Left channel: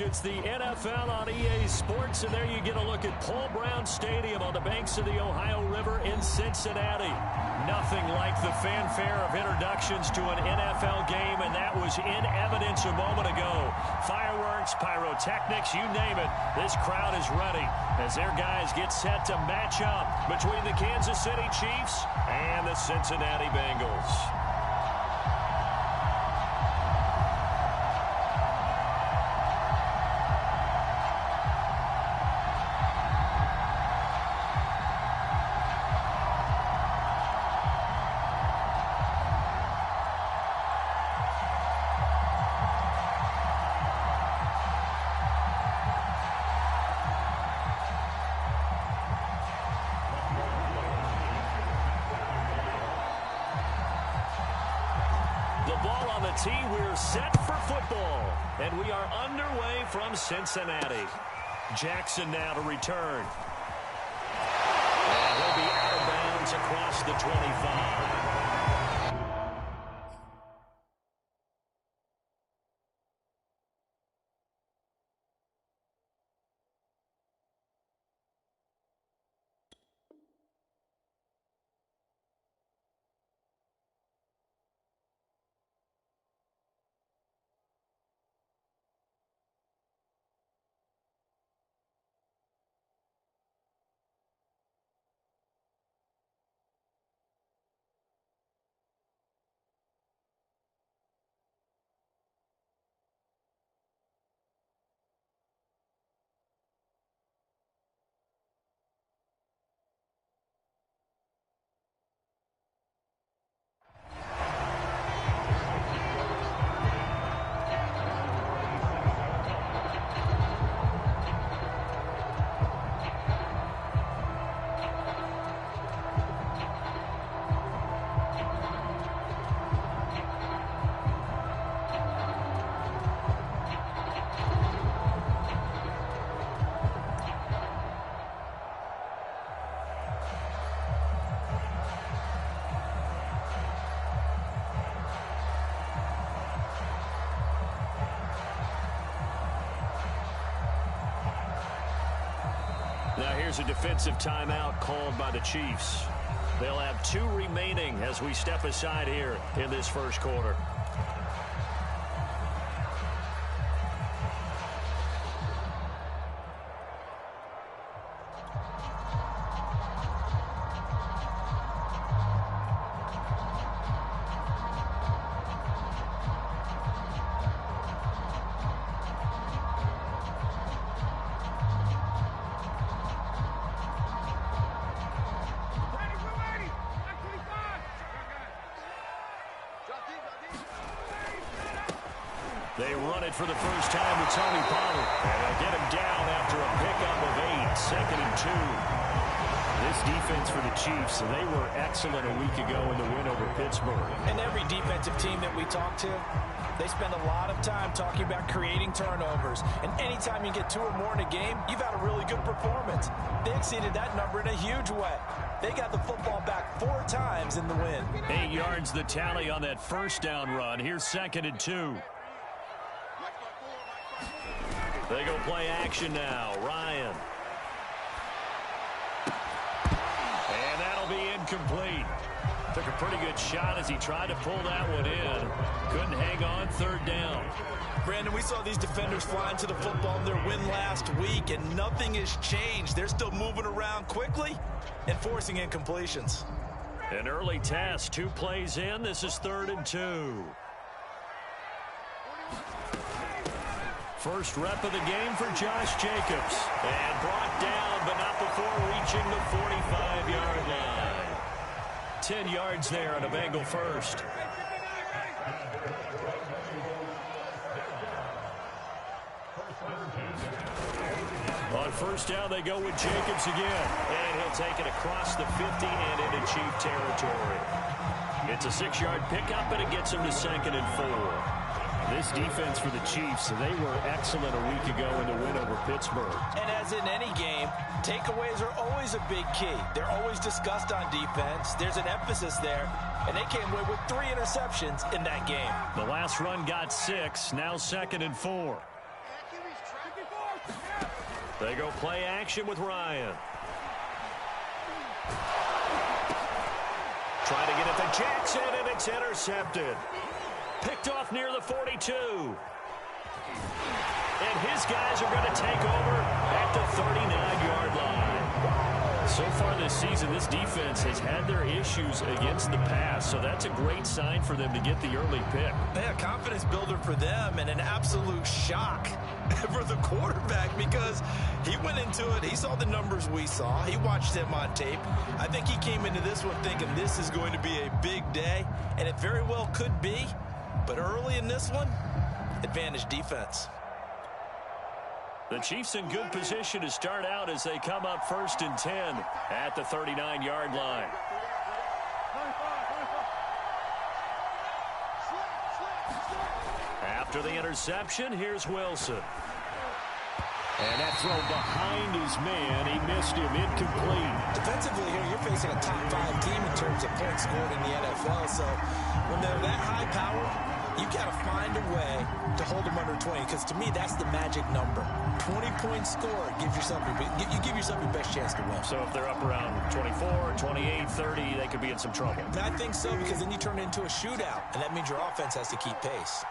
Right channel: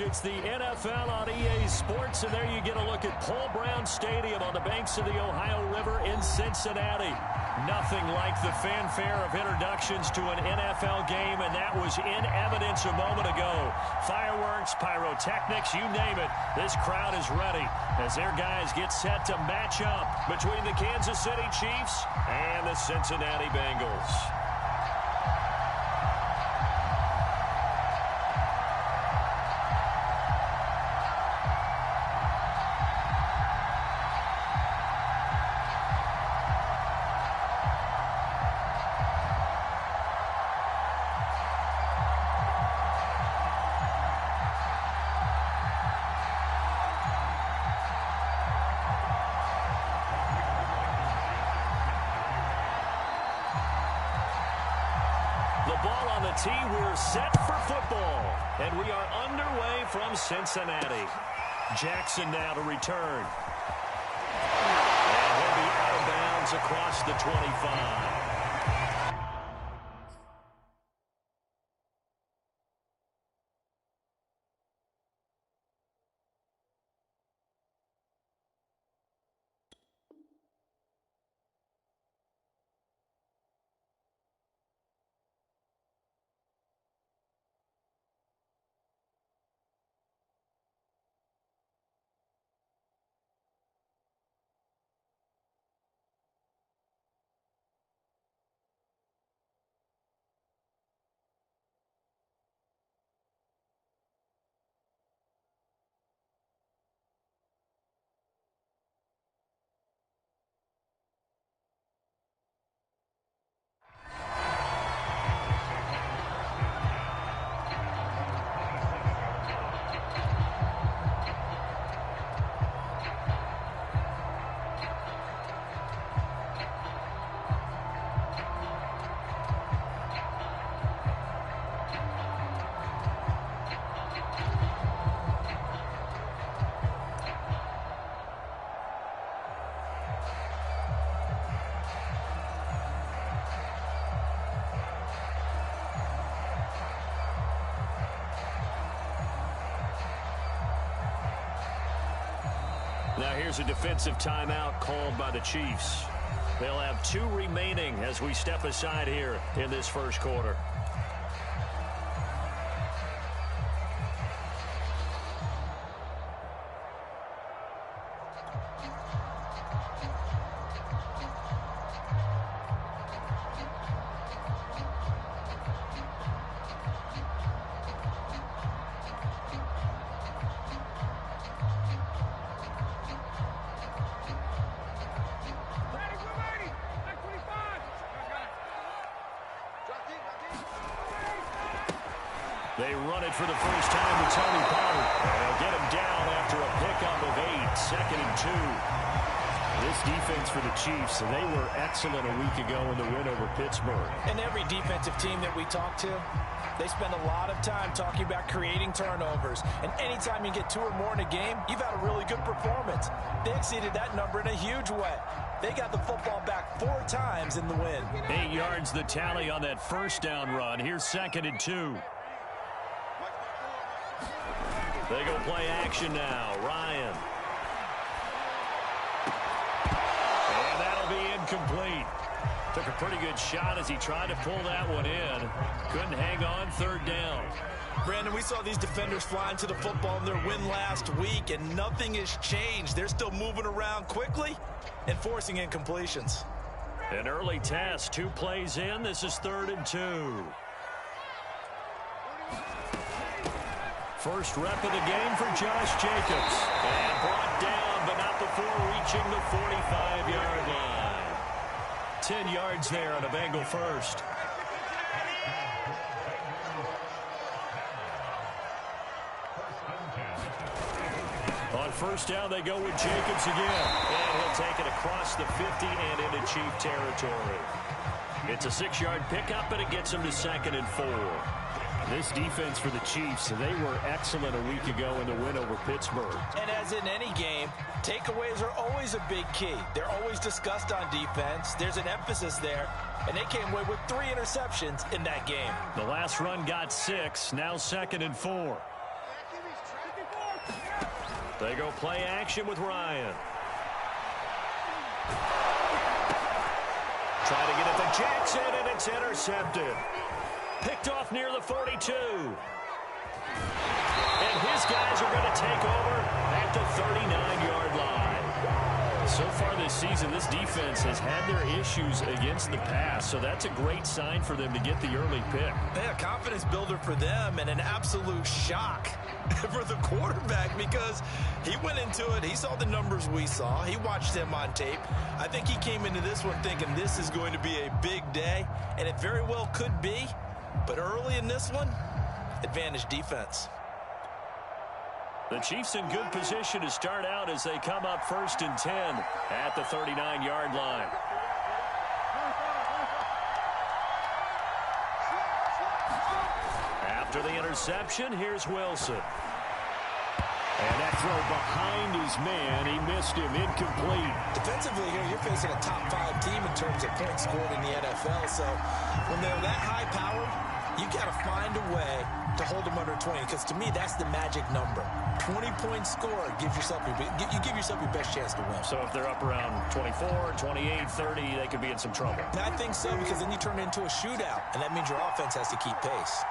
It's the NFL on EA Sports, and there you get a look at Paul Brown Stadium on the banks of the Ohio River in Cincinnati. Nothing like the fanfare of introductions to an NFL game, and that was in evidence a moment ago. Fireworks, pyrotechnics, you name it, this crowd is ready as their guys get set to match up between the Kansas City Chiefs and the Cincinnati Bengals. The ball on the tee, we're set for football. And we are underway from Cincinnati. Jackson now to return. And he'll be out of bounds across the 25. Now here's a defensive timeout called by the Chiefs. They'll have 2 remaining as we step aside here in this first quarter. They run it for the first time with Tony Pollard. And they'll get him down after a pickup of 8, 2nd and 2. This defense for the Chiefs, they were excellent a week ago in the win over Pittsburgh. And every defensive team that we talk to, they spend a lot of time talking about creating turnovers. And anytime you get 2 or more in a game, you've had a really good performance. They exceeded that number in a huge way. They got the football back 4 times in the win. 8 yards the tally on that first down run. Here's 2nd and 2. They go play action now. Ryan. And that'll be incomplete. Took a pretty good shot as he tried to pull that one in. Couldn't hang on, 3rd down. Brandon, we saw these defenders flying to the football in their win last week, and nothing has changed. They're still moving around quickly and forcing incompletions. An early test, 2 plays in. This is 3rd and 2. First rep of the game for Josh Jacobs. And brought down, but not before reaching the 45-yard line. 10 yards there on a Bengal first. On first down, they go with Jacobs again. And he'll take it across the 50 and into Chief territory. It's a 6-yard pickup, and it gets him to 2nd and 4. This defense for the Chiefs, they were excellent a week ago in the win over Pittsburgh. And as in any game, takeaways are always a big key. They're always discussed on defense. There's an emphasis there, and they came away with 3 interceptions in that game. The last run got 6, now 2nd and 4. They go play action with Ryan. Trying to get it to Jackson, and it's intercepted. Picked off near the 42. And his guys are going to take over at the 39-yard line. So far this season, this defense has had their issues against the pass, so that's a great sign for them to get the early pick. Yeah, confidence builder for them and an absolute shock for the quarterback because he went into it. He saw the numbers we saw. He watched them on tape. I think he came into this one thinking this is going to be a big day, and it very well could be. But early in this one, advantage defense. The Chiefs in good position to start out as they come up 1st and 10 at the 39-yard line. After the interception, here's Wilson. And that throw behind his man. He missed him, incomplete. Defensively here, you're facing a top 5 team in terms of points scored in the NFL. So when they're that high-powered, you got to find a way to hold them under 20, because to me, that's the magic number. 20 points scored gives yourself you give yourself your best chance to win. So if they're up around 24, 28, 30, they could be in some trouble. I think so, because then you turn it into a shootout, and that means your offense has to keep pace.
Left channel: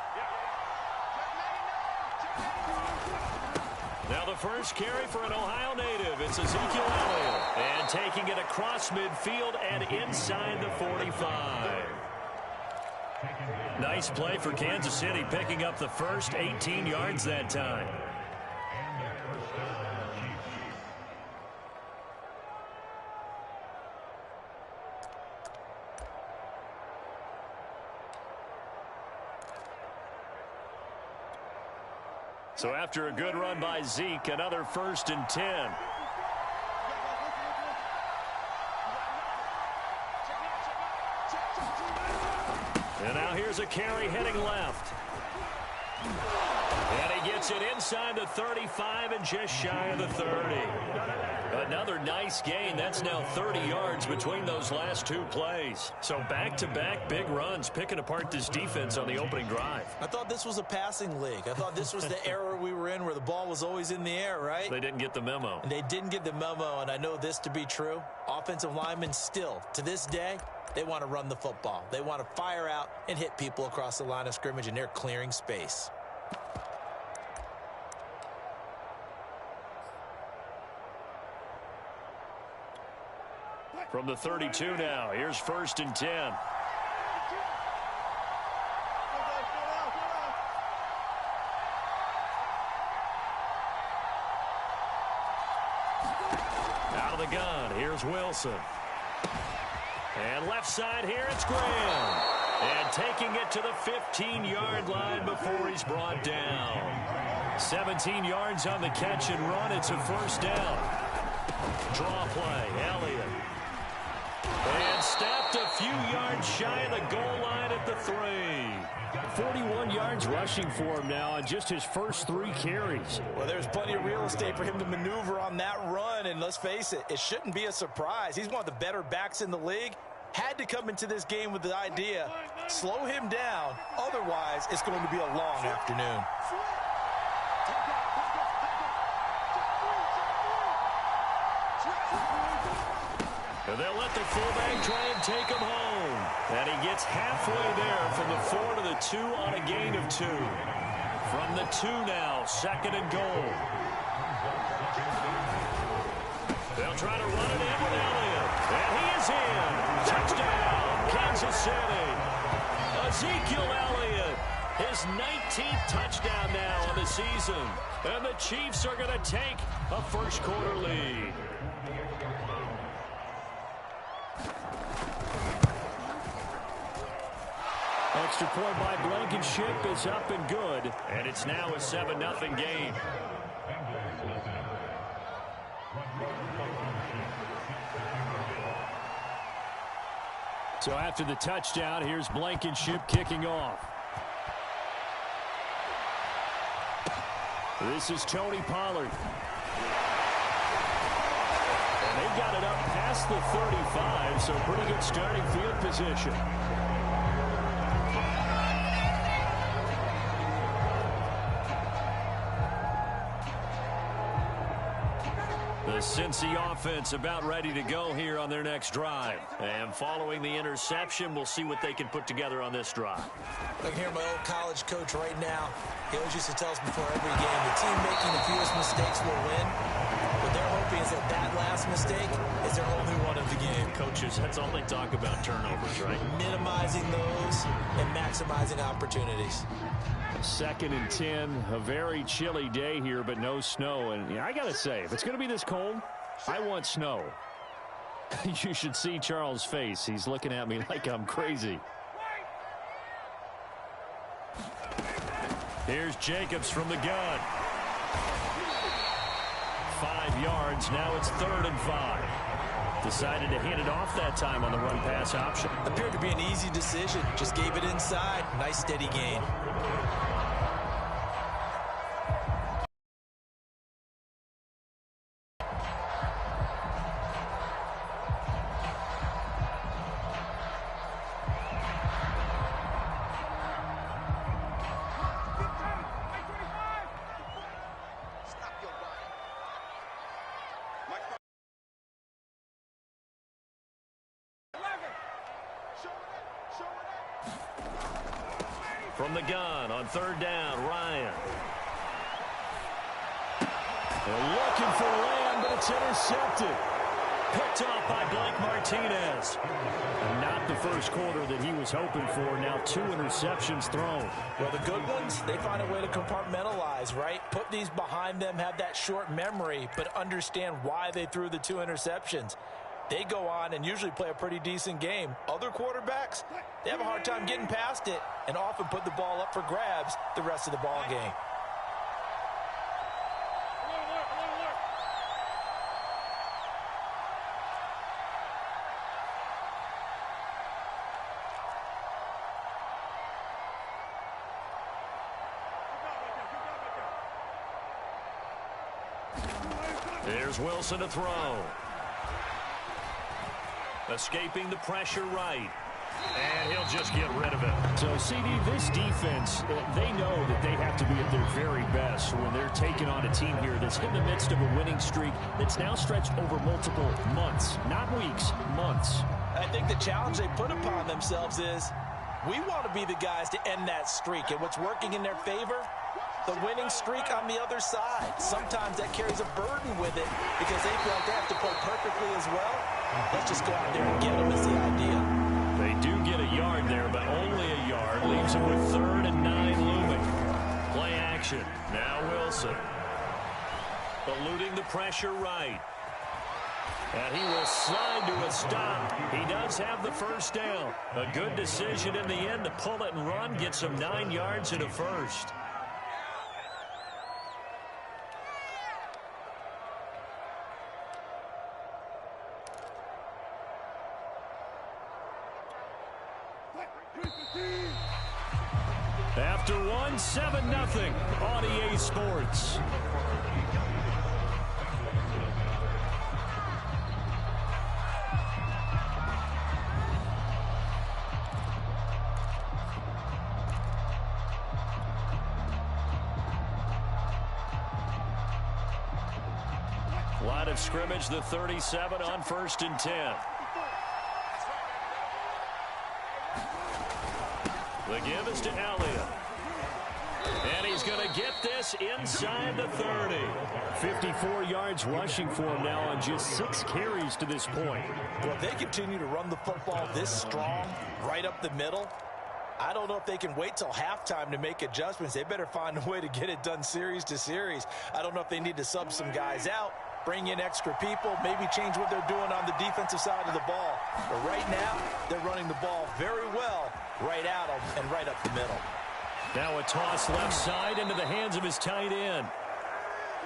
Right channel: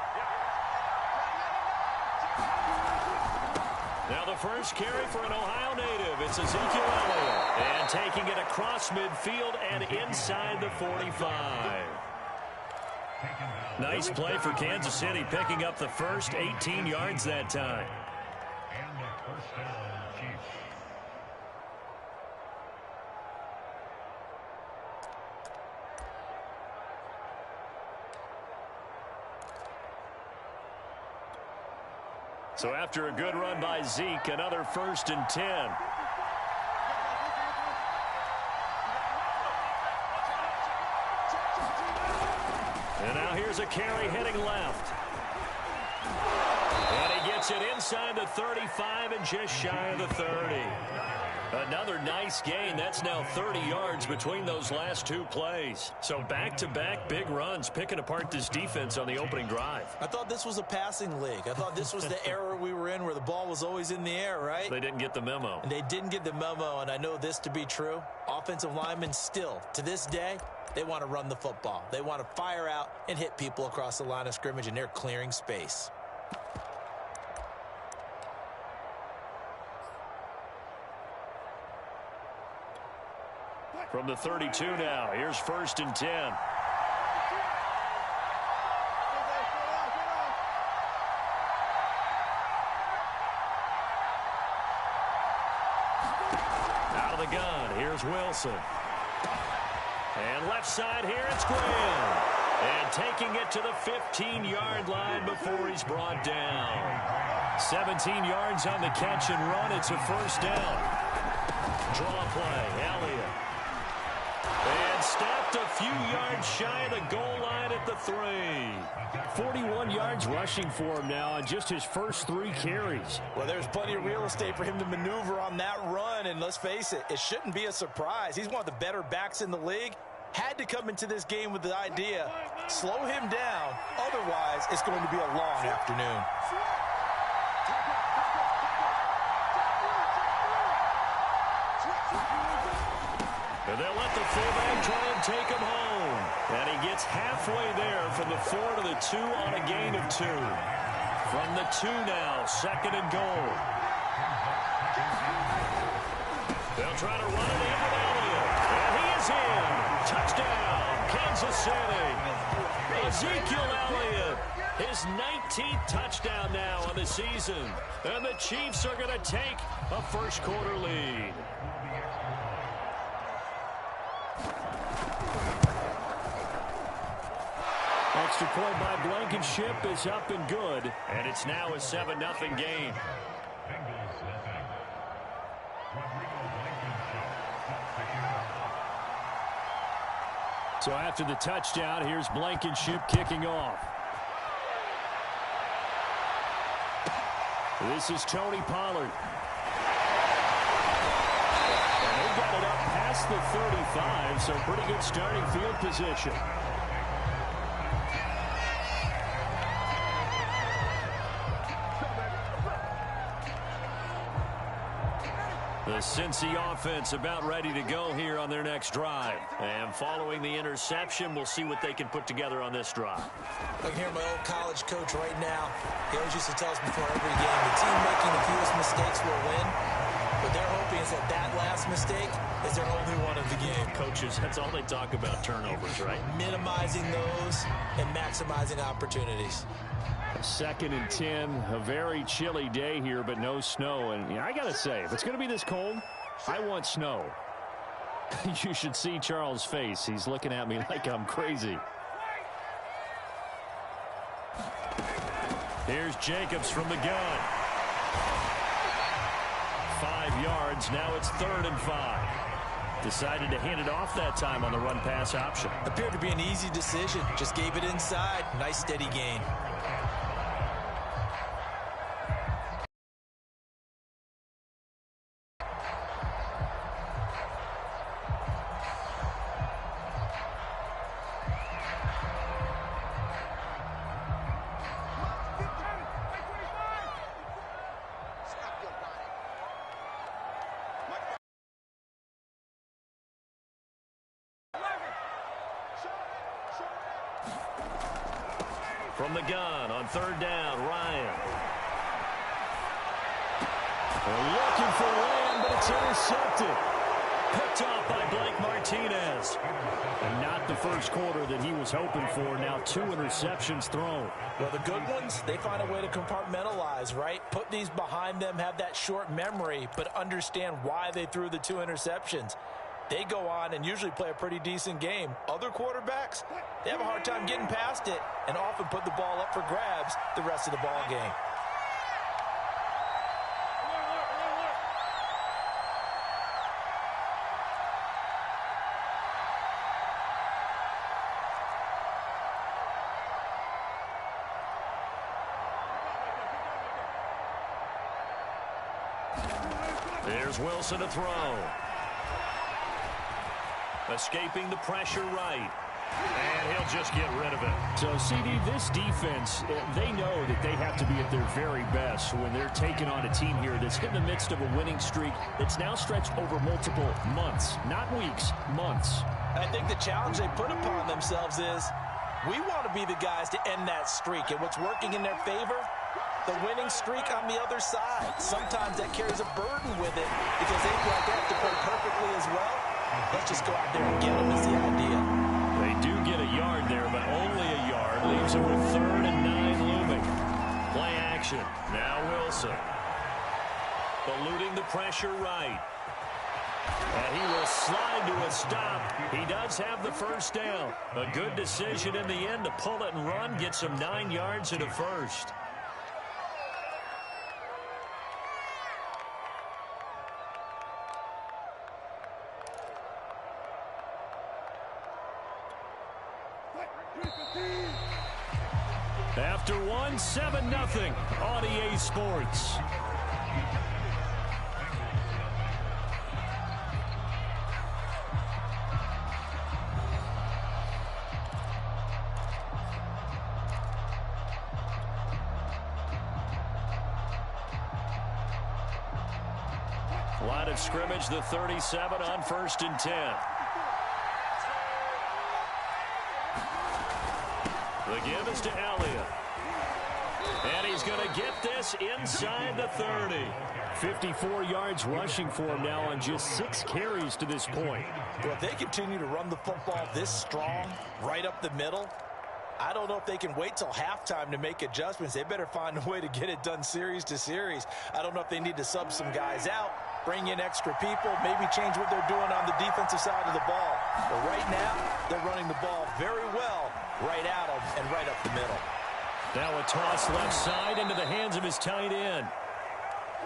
Now the first carry for an Ohio native. It's Ezekiel Elliott. And taking it across midfield and inside the 45. Nice play for Kansas City, picking up the first 18 yards that time. So after a good run by Zeke, another 1st and 10. And now here's a carry heading left. And he gets it inside the 35 and just shy of the 30. Another nice gain. That's now 30 yards between those last 2 plays. So back-to-back big runs, picking apart this defense on the opening drive. I thought this was a passing league. I thought this was the era we were in where the ball was always in the air, right? They didn't get the memo. And they didn't get the memo, and I know this to be true. Offensive linemen still, to this day, they want to run the football. They want to fire out and hit people across the line of scrimmage, and they're clearing space. From the 32 now, here's 1st and 10. Out of the gun, here's Wilson. And left side here, it's Graham. And taking it to the 15-yard line before he's brought down. 17 yards on the catch and run. It's a 1st down. Draw play, Elliott. And stopped a few yards shy of the goal line at the 3. 41 yards rushing for him now on just his first 3 carries. Well, there's plenty of real estate for him to maneuver on that run, and let's face it, it shouldn't be a surprise. He's one of the better backs in the league. Had to come into this game with the idea, slow him down, otherwise it's going to be a long afternoon. And they'll let the fullback try and take him home. And he gets halfway there from the 4 to the 2 on a gain of 2. From the 2 now, 2nd and goal. They'll try to run it in with Elliott. And he is in. Touchdown, Kansas City. Ezekiel Elliott, his 19th touchdown now on the season. And the Chiefs are going to take a first-quarter lead. Extra point by Blankenship is up and good. And it's now a 7-0 game. So after the touchdown, here's Blankenship kicking off. This is Tony Pollard. And they've got it up past the 35, so pretty good starting field position. The Cincy offense about ready to go here on their next drive. And following the interception, we'll see what they can put together on this drive. I can hear my old college coach right now. He always used to tell us before every game, the team making the fewest mistakes will win. What they're hoping is that last mistake is their only one of the game. Coaches, that's all they talk about, turnovers, right? Minimizing those and maximizing opportunities. 2nd and 10, a very chilly day here, but no snow. And I got to say, if it's going to be this cold, I want snow. You should see Charles' face. He's looking at me like I'm crazy. Here's Jacobs from the gun. 5 yards. Now it's 3rd and 5. Decided to hand it off that time on the run-pass option. Appeared to be an easy decision. Just gave it inside. Nice steady gain. From the gun on 3rd down, Ryan. They're looking for Lamb, but it's intercepted. Picked off by Blake Martinez. And not the first quarter that he was hoping for. Now 2 interceptions thrown. Well, the good ones, they find a way to compartmentalize, right? Put these behind them, have that short memory, but understand why they threw the 2 interceptions. They go on and usually play a pretty decent game. Other quarterbacks, they have a hard time getting past it and often put the ball up for grabs the rest of the ball game. There's Wilson to throw. Escaping the pressure right. And he'll just get rid of it. So, CD, this defense, they know that they have to be at their very best when they're taking on a team here that's in the midst of a winning streak that's now stretched over multiple months. Not weeks, months. I think the challenge they put upon themselves is we want to be the guys to end that streak. And what's working in their favor? The winning streak on the other side. Sometimes that carries a burden with it because they feel like they have to play perfectly as well. Let's just go out there and get them is the idea. They do get a yard there, but only a yard. Leaves them with 3rd and 9 looming. Play action. Now Wilson. Eluding the pressure right. And he will slide to a stop. He does have the first down. A good decision in the end to pull it and run. Get some 9 yards and a first. After 1, 7-0 on EA Sports. Line of scrimmage, the 37 on 1st and 10. The give is to Elliott. And he's going to get this inside the 30. 54 yards rushing for him now on just 6 carries to this point. Well, if they continue to run the football this strong, right up the middle, I don't know if they can wait till halftime to make adjustments. They better find a way to get it done series to series. I don't know if they need to sub some guys out, bring in extra people, maybe change what they're doing on the defensive side of the ball. But right now, they're running the ball very well right at them and right up the middle. Now a toss left side into the hands of his tight end.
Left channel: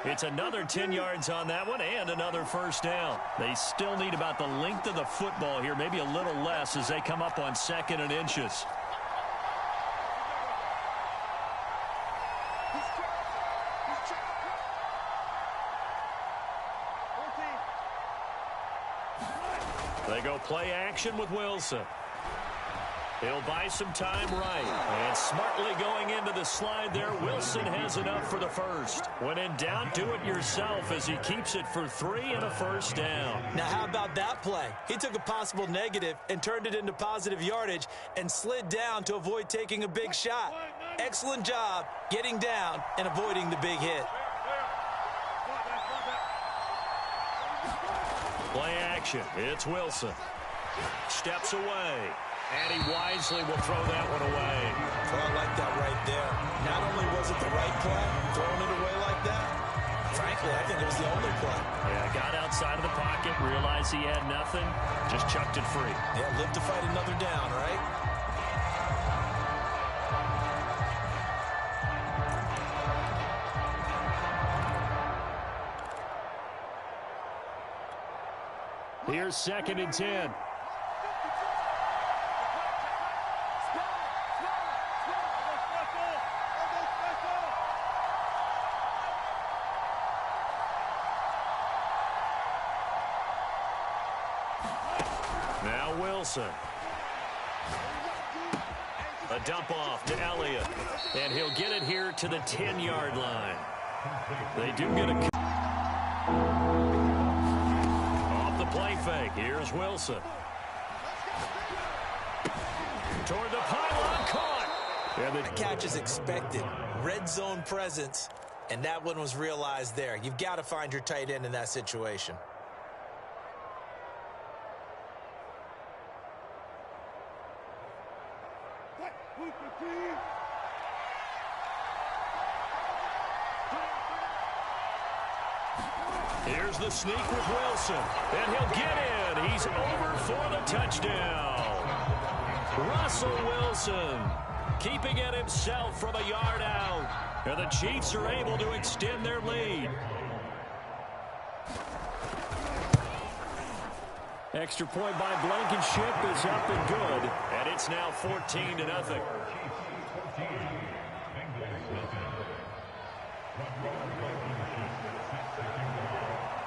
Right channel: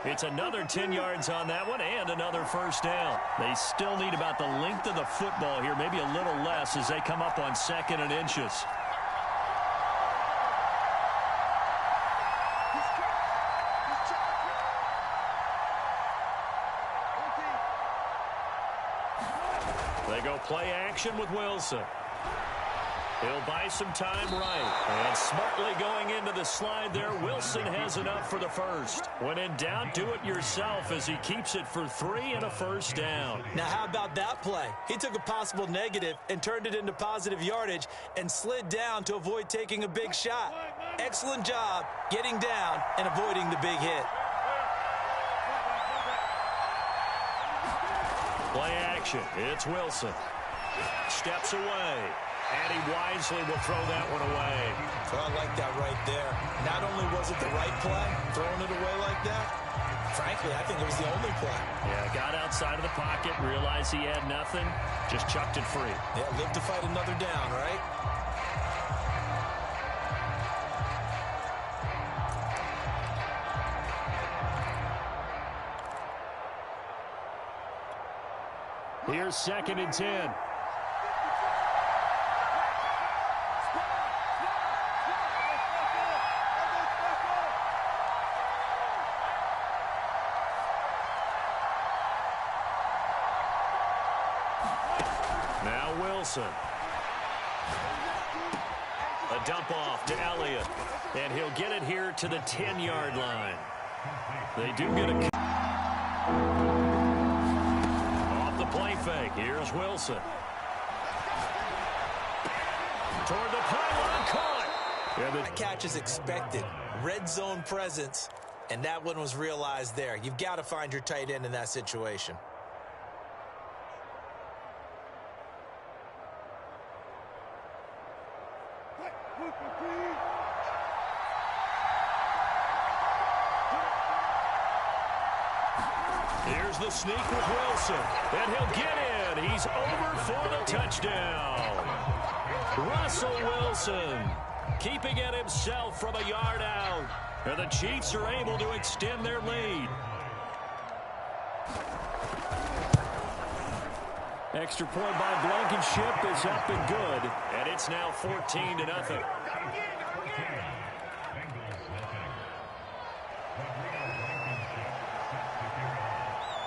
It's another 10 yards on that one and another first down. They still need about the length of the football here, maybe a little less as they come up on 2nd and inches. They go play action with Wilson. He'll buy some time right. And smartly going into the slide there, Wilson has enough for the first. When in doubt, do it yourself as he keeps it for 3 and a first down. Now, how about that play? He took a possible negative and turned it into positive yardage and slid down to avoid taking a big shot. Excellent job getting down and avoiding the big hit. Play action. It's Wilson. Steps away. And he wisely will throw that one away. So I like that right there. Not only was it the right play, throwing it away like that, frankly, I think it was the only play. Yeah, got outside of the pocket, realized he had nothing, just chucked it free. Yeah, live to fight another down, right? Here's 2nd and 10. Now Wilson. A dump off to Elliott. And he'll get it here to the 10-yard line. They do get a... Off the play fake. Here's Wilson. Toward the pylon. Caught. Yeah, the catch is expected. Red zone presence. And that one was realized there. You've got to find your tight end in that situation. Here's the sneak with Wilson. And he'll get in. He's over for the touchdown. Russell Wilson keeping it himself from a yard out. And the Chiefs are able to extend their lead. Extra point by Blankenship is up and good. And it's now 14-0.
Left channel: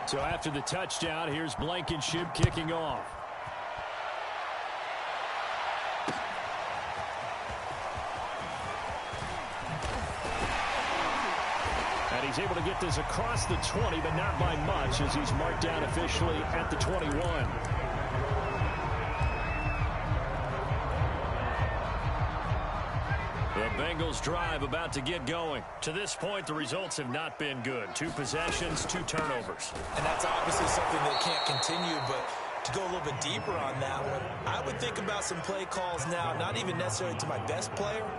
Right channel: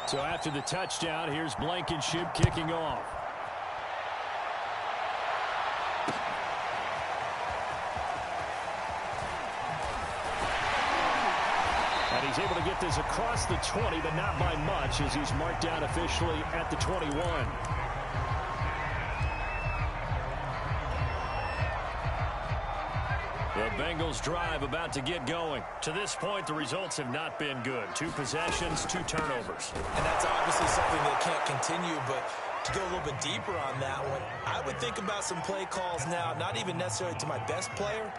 So after the touchdown, here's Blankenship kicking off. And he's able to get this across the 20, but not by much, as he's marked down officially at the 21. The Bengals drive about to get going. To this point, the results have not been good. 2 possessions, 2 turnovers. And that's obviously something that can't continue, but to go a little bit deeper on that one, I would think about some play calls now, not even necessarily to my best player,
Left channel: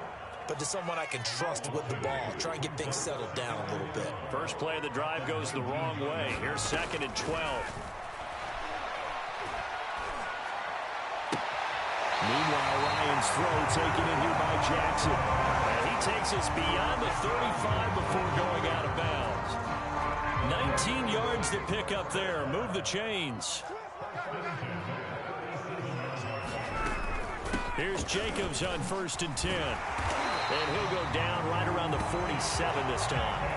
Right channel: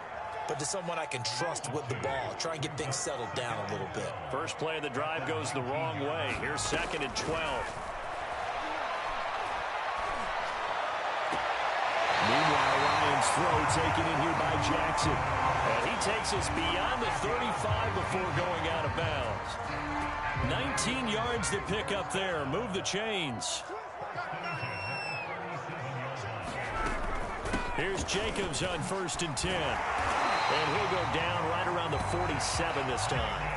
but to someone I can trust with the ball. Try and get things settled down a little bit. First play of the drive goes the wrong way. Here's 2nd and 12. Meanwhile, Ryan's throw taken in here by Jackson. And he takes us beyond the 35 before going out of bounds. 19 yards to pick up there. Move the chains. Here's Jacobs on 1st and 10. And he'll go down right around the 47 this time.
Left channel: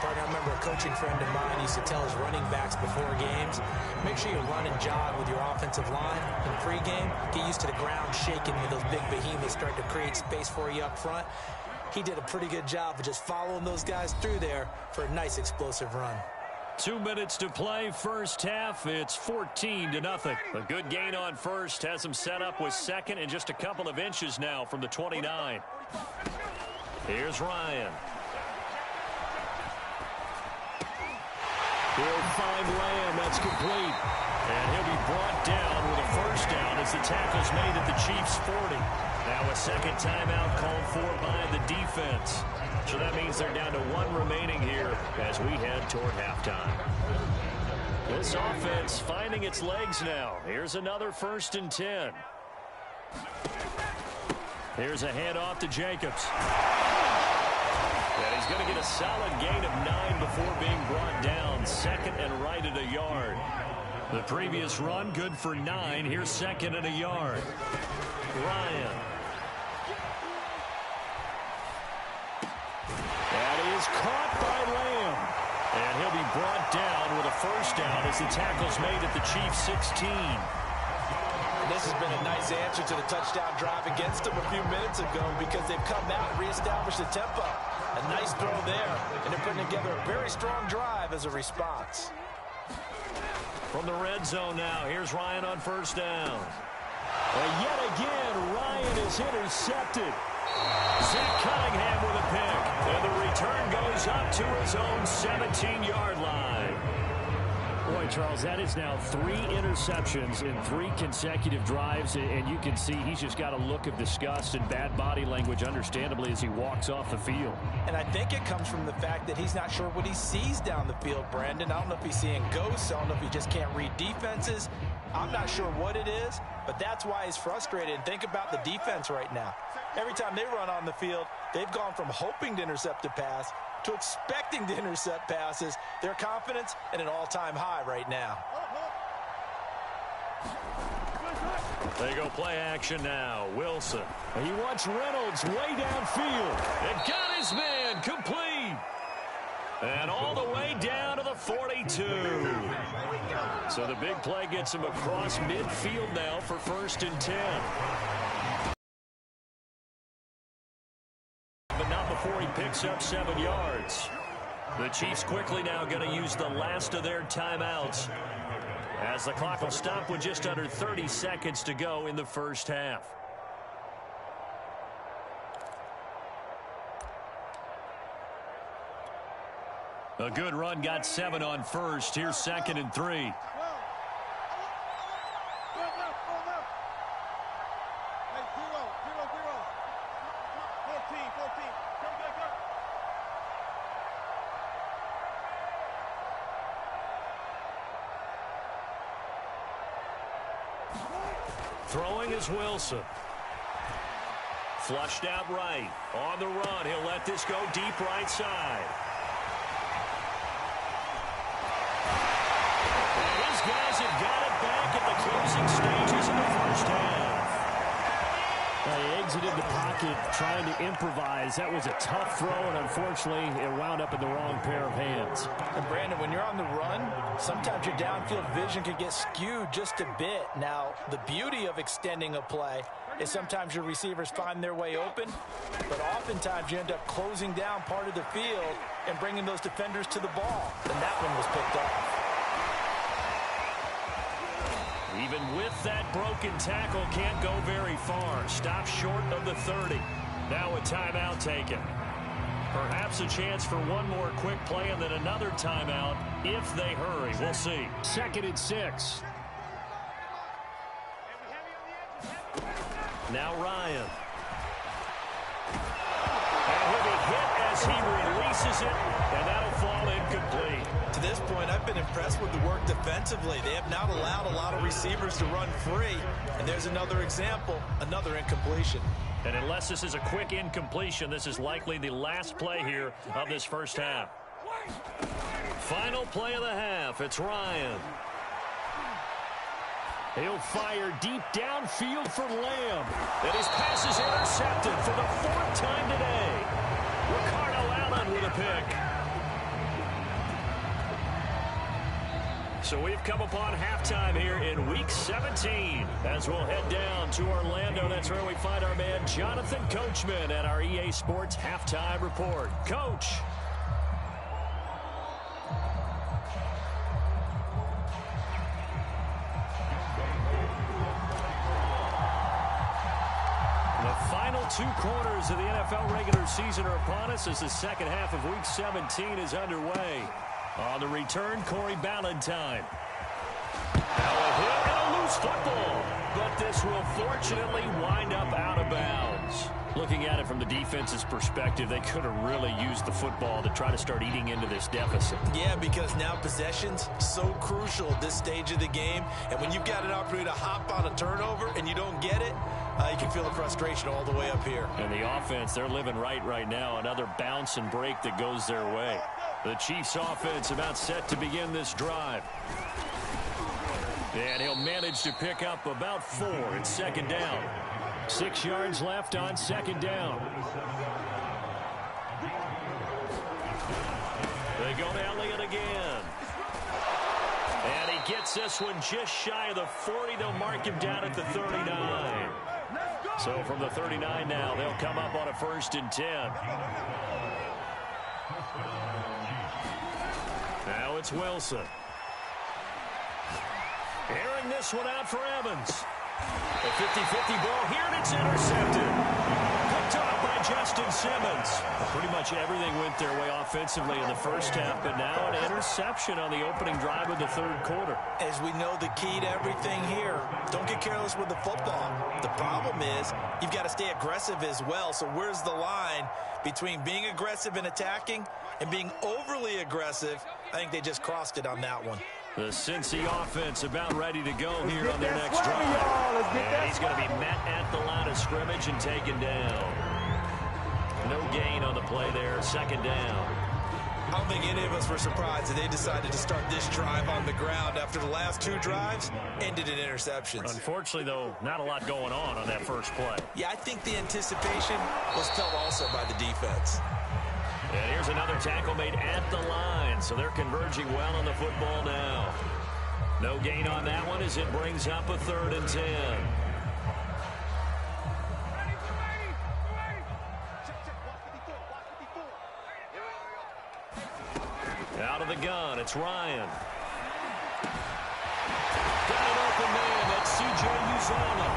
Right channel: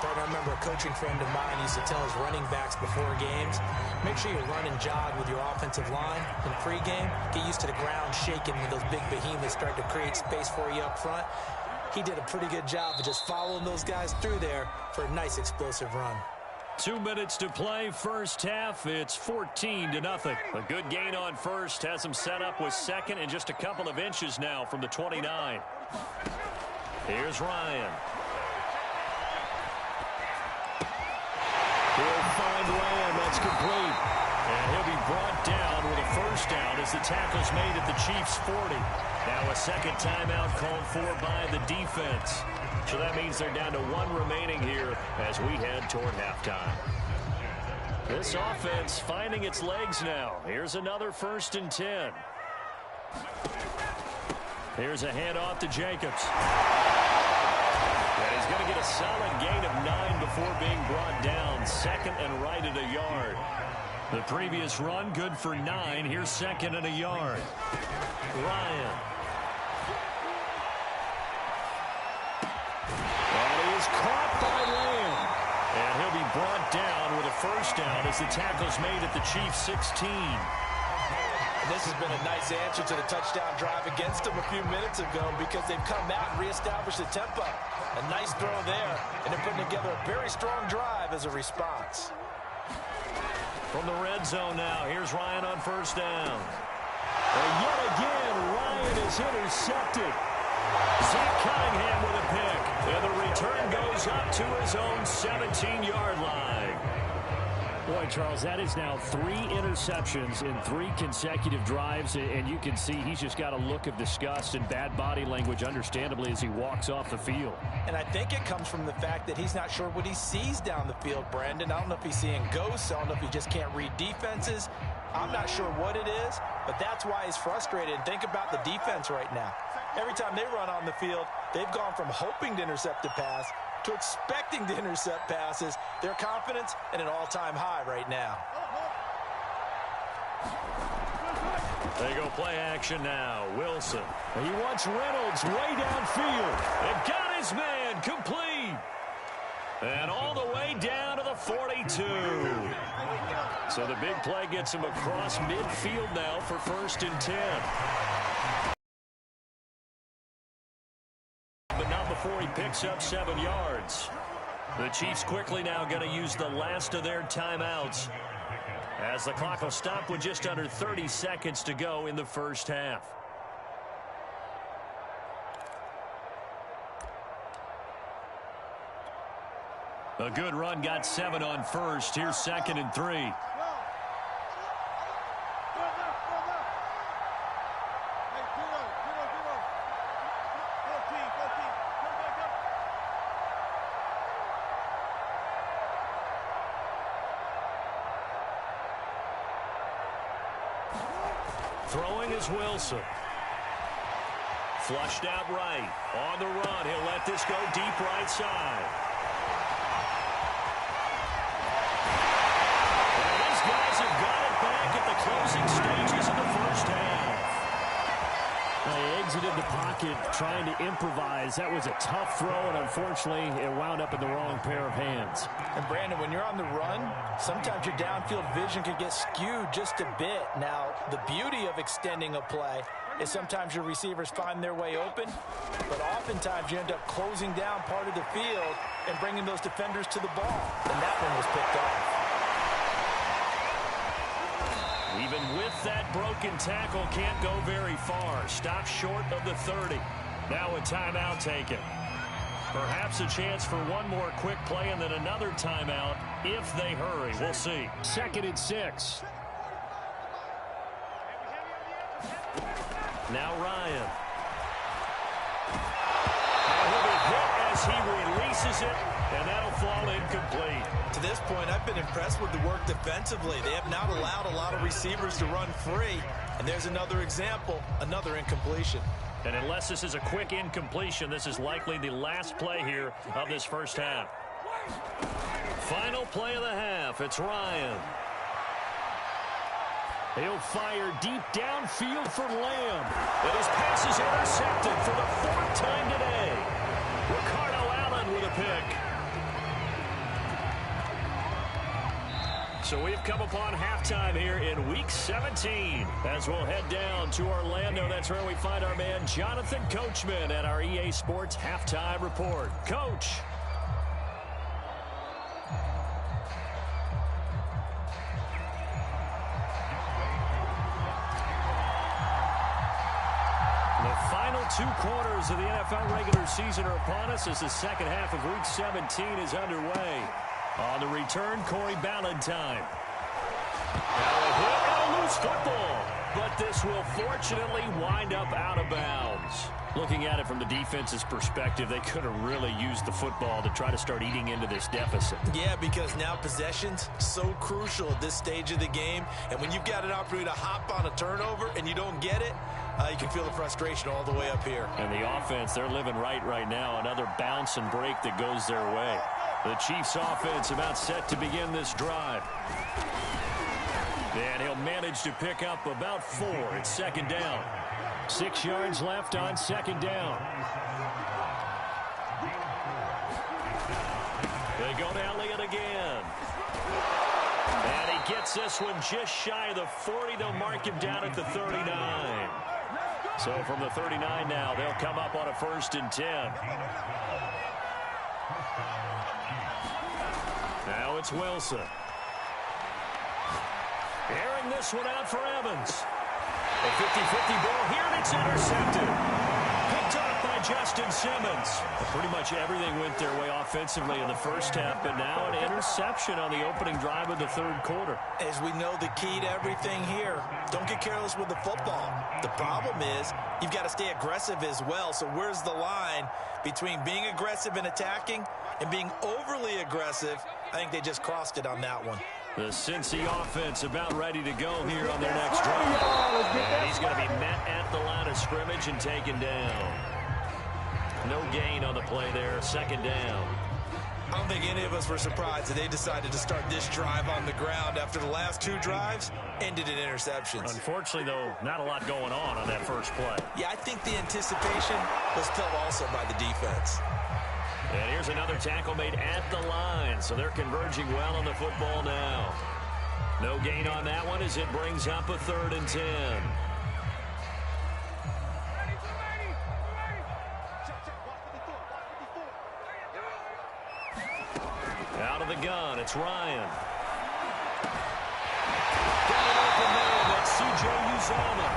Partner, I remember a coaching friend of mine used to tell his running backs before games, make sure you run and jog with your offensive line in pregame. Get used to the ground shaking when those big behemoths start to create space for you up front. He did a pretty good job of just following those guys through there for a nice explosive run. 2 minutes to play, first half. It's 14-0. A good gain on first has him set up with 2nd and just a couple of inches now from the 29. Here's Ryan. He'll find Lamb. That's complete. And he'll be brought down with a first down as the tackle's made at the Chiefs' 40. Now a second timeout called for by the defense. So that means they're down to 1 remaining here as we head toward halftime. This offense finding its legs now. Here's another 1st and 10. Here's a handoff to Jacobs. And he's going to get a solid gain of 9 before being brought down. 2nd and right at a yard. The previous run good for 9. Here's 2nd and a yard. Ryan. That is caught by Lamb. And he'll be brought down with a first down as the tackle's made at the Chiefs' 16. And this has been a nice answer to the touchdown drive against them a few minutes ago because they've come out and reestablished the tempo. A nice throw there, and they're putting together a very strong drive as a response. From the red zone now, here's Ryan on first down. And yet again, Ryan is intercepted. Zach Cunningham with a pick. And the return goes up to his own 17-yard line. Boy, Charles, that is now 3 interceptions in 3 consecutive drives, and you can see he's just got a look of disgust and bad body language, understandably, as he walks off the field. And I think it comes from the fact that he's not sure what he sees down the field, Brandon. I don't know if he's seeing ghosts. I don't know if he just can't read defenses. I'm not sure what it is, but that's why he's frustrated. And think about the defense right now. Every time they run on the field, they've gone from hoping to intercept a pass to expecting to intercept passes. Their confidence at an all-time high right now. They go play action now. Wilson. He wants Reynolds way downfield. And got his man complete. And all the way down to the 42. So the big play gets him across midfield now for 1st and 10. But not before he picks up 7 yards. The Chiefs quickly now going to use the last of their timeouts, as the clock will stop with just under 30 seconds to go in the first half. A good run got 7 on first. Here's 2nd and 3. Throwing is Wilson. Flushed out right. On the run. He'll let this go deep right side. And his guys have got it back at the closing stages of the first half. They exited the pocket trying to improvise. That was a tough throw, and unfortunately, it wound up in the wrong pair of hands. And, Brandon, when you're on the run, sometimes your downfield vision can get skewed just a bit. Now, the beauty of extending a play is sometimes your receivers find their way open, but oftentimes you end up closing down part of the field and bringing those defenders to the ball. And that one was picked off. Even with that broken tackle, can't go very far. Stop short of the 30. Now a timeout taken. Perhaps a chance for one more quick play and then another timeout if they hurry. We'll see. 2nd and 6. Now Ryan. And he'll be hit as he releases it, and that'll fall incomplete. To this point, I've been impressed with the work defensively. They have not allowed a lot of receivers to run free. And there's another example, another incompletion. And unless this is a quick incompletion, this is likely the last play here of this first half. Final play of the half. It's Ryan. He'll fire deep downfield for Lamb. And his pass is intercepted for the 4th time today. Ricardo Allen with a pick. So we've come upon halftime here in Week 17. As we'll head down to Orlando, that's where we find our man Jonathan Coachman at our EA Sports Halftime Report. Coach. The final 2 quarters of the NFL regular season are upon us as the second half of Week 17 is underway. On the return, Corey Ballantyne. Now a hit and a loose football. But this will fortunately wind up out of bounds. Looking at it from the defense's perspective, they could have really used the football to try to start eating into this deficit. Yeah, because now possession's so crucial at this stage of the game. And when you've got an opportunity to hop on a turnover and you don't get it, you can feel the frustration all the way up here. And the offense, they're living right now. Another bounce and break that goes their way. The Chiefs offense about set to begin this drive. And he'll manage to pick up about 4. It's 2nd down. 6 yards left on 2nd down. They go to Elliott again. And he gets this one just shy of the 40. They'll mark him down at the 39. So from the 39 now, they'll come up on a 1st and 10. Now it's Wilson. Airing this one out for Evans. A 50-50 ball here, and it's intercepted. Picked off by Justin Simmons. Pretty much everything went their way offensively in the first half, but now an interception on the opening drive of the 3rd quarter. As we know, the key to everything here, don't get careless with the football. The problem is you've got to stay aggressive as well. So where's the line between being aggressive and attacking and being overly aggressive? I think they just crossed it on that one. The Cincy offense about ready to go here on their next drive. And he's going to be met at the line of scrimmage and taken down. No gain on the play there, 2nd down. I don't think any of us were surprised that they decided to start this drive on the ground after the last 2 drives ended in interceptions. Unfortunately, though, not a lot going on that first play. Yeah, I think the anticipation was felt also by the defense. And here's another tackle made at the line, so they're converging well on the football now. No gain on that one as it brings up a 3rd and 10. Out of the gun, it's Ryan. Got an open man, that's C.J. Uzomah.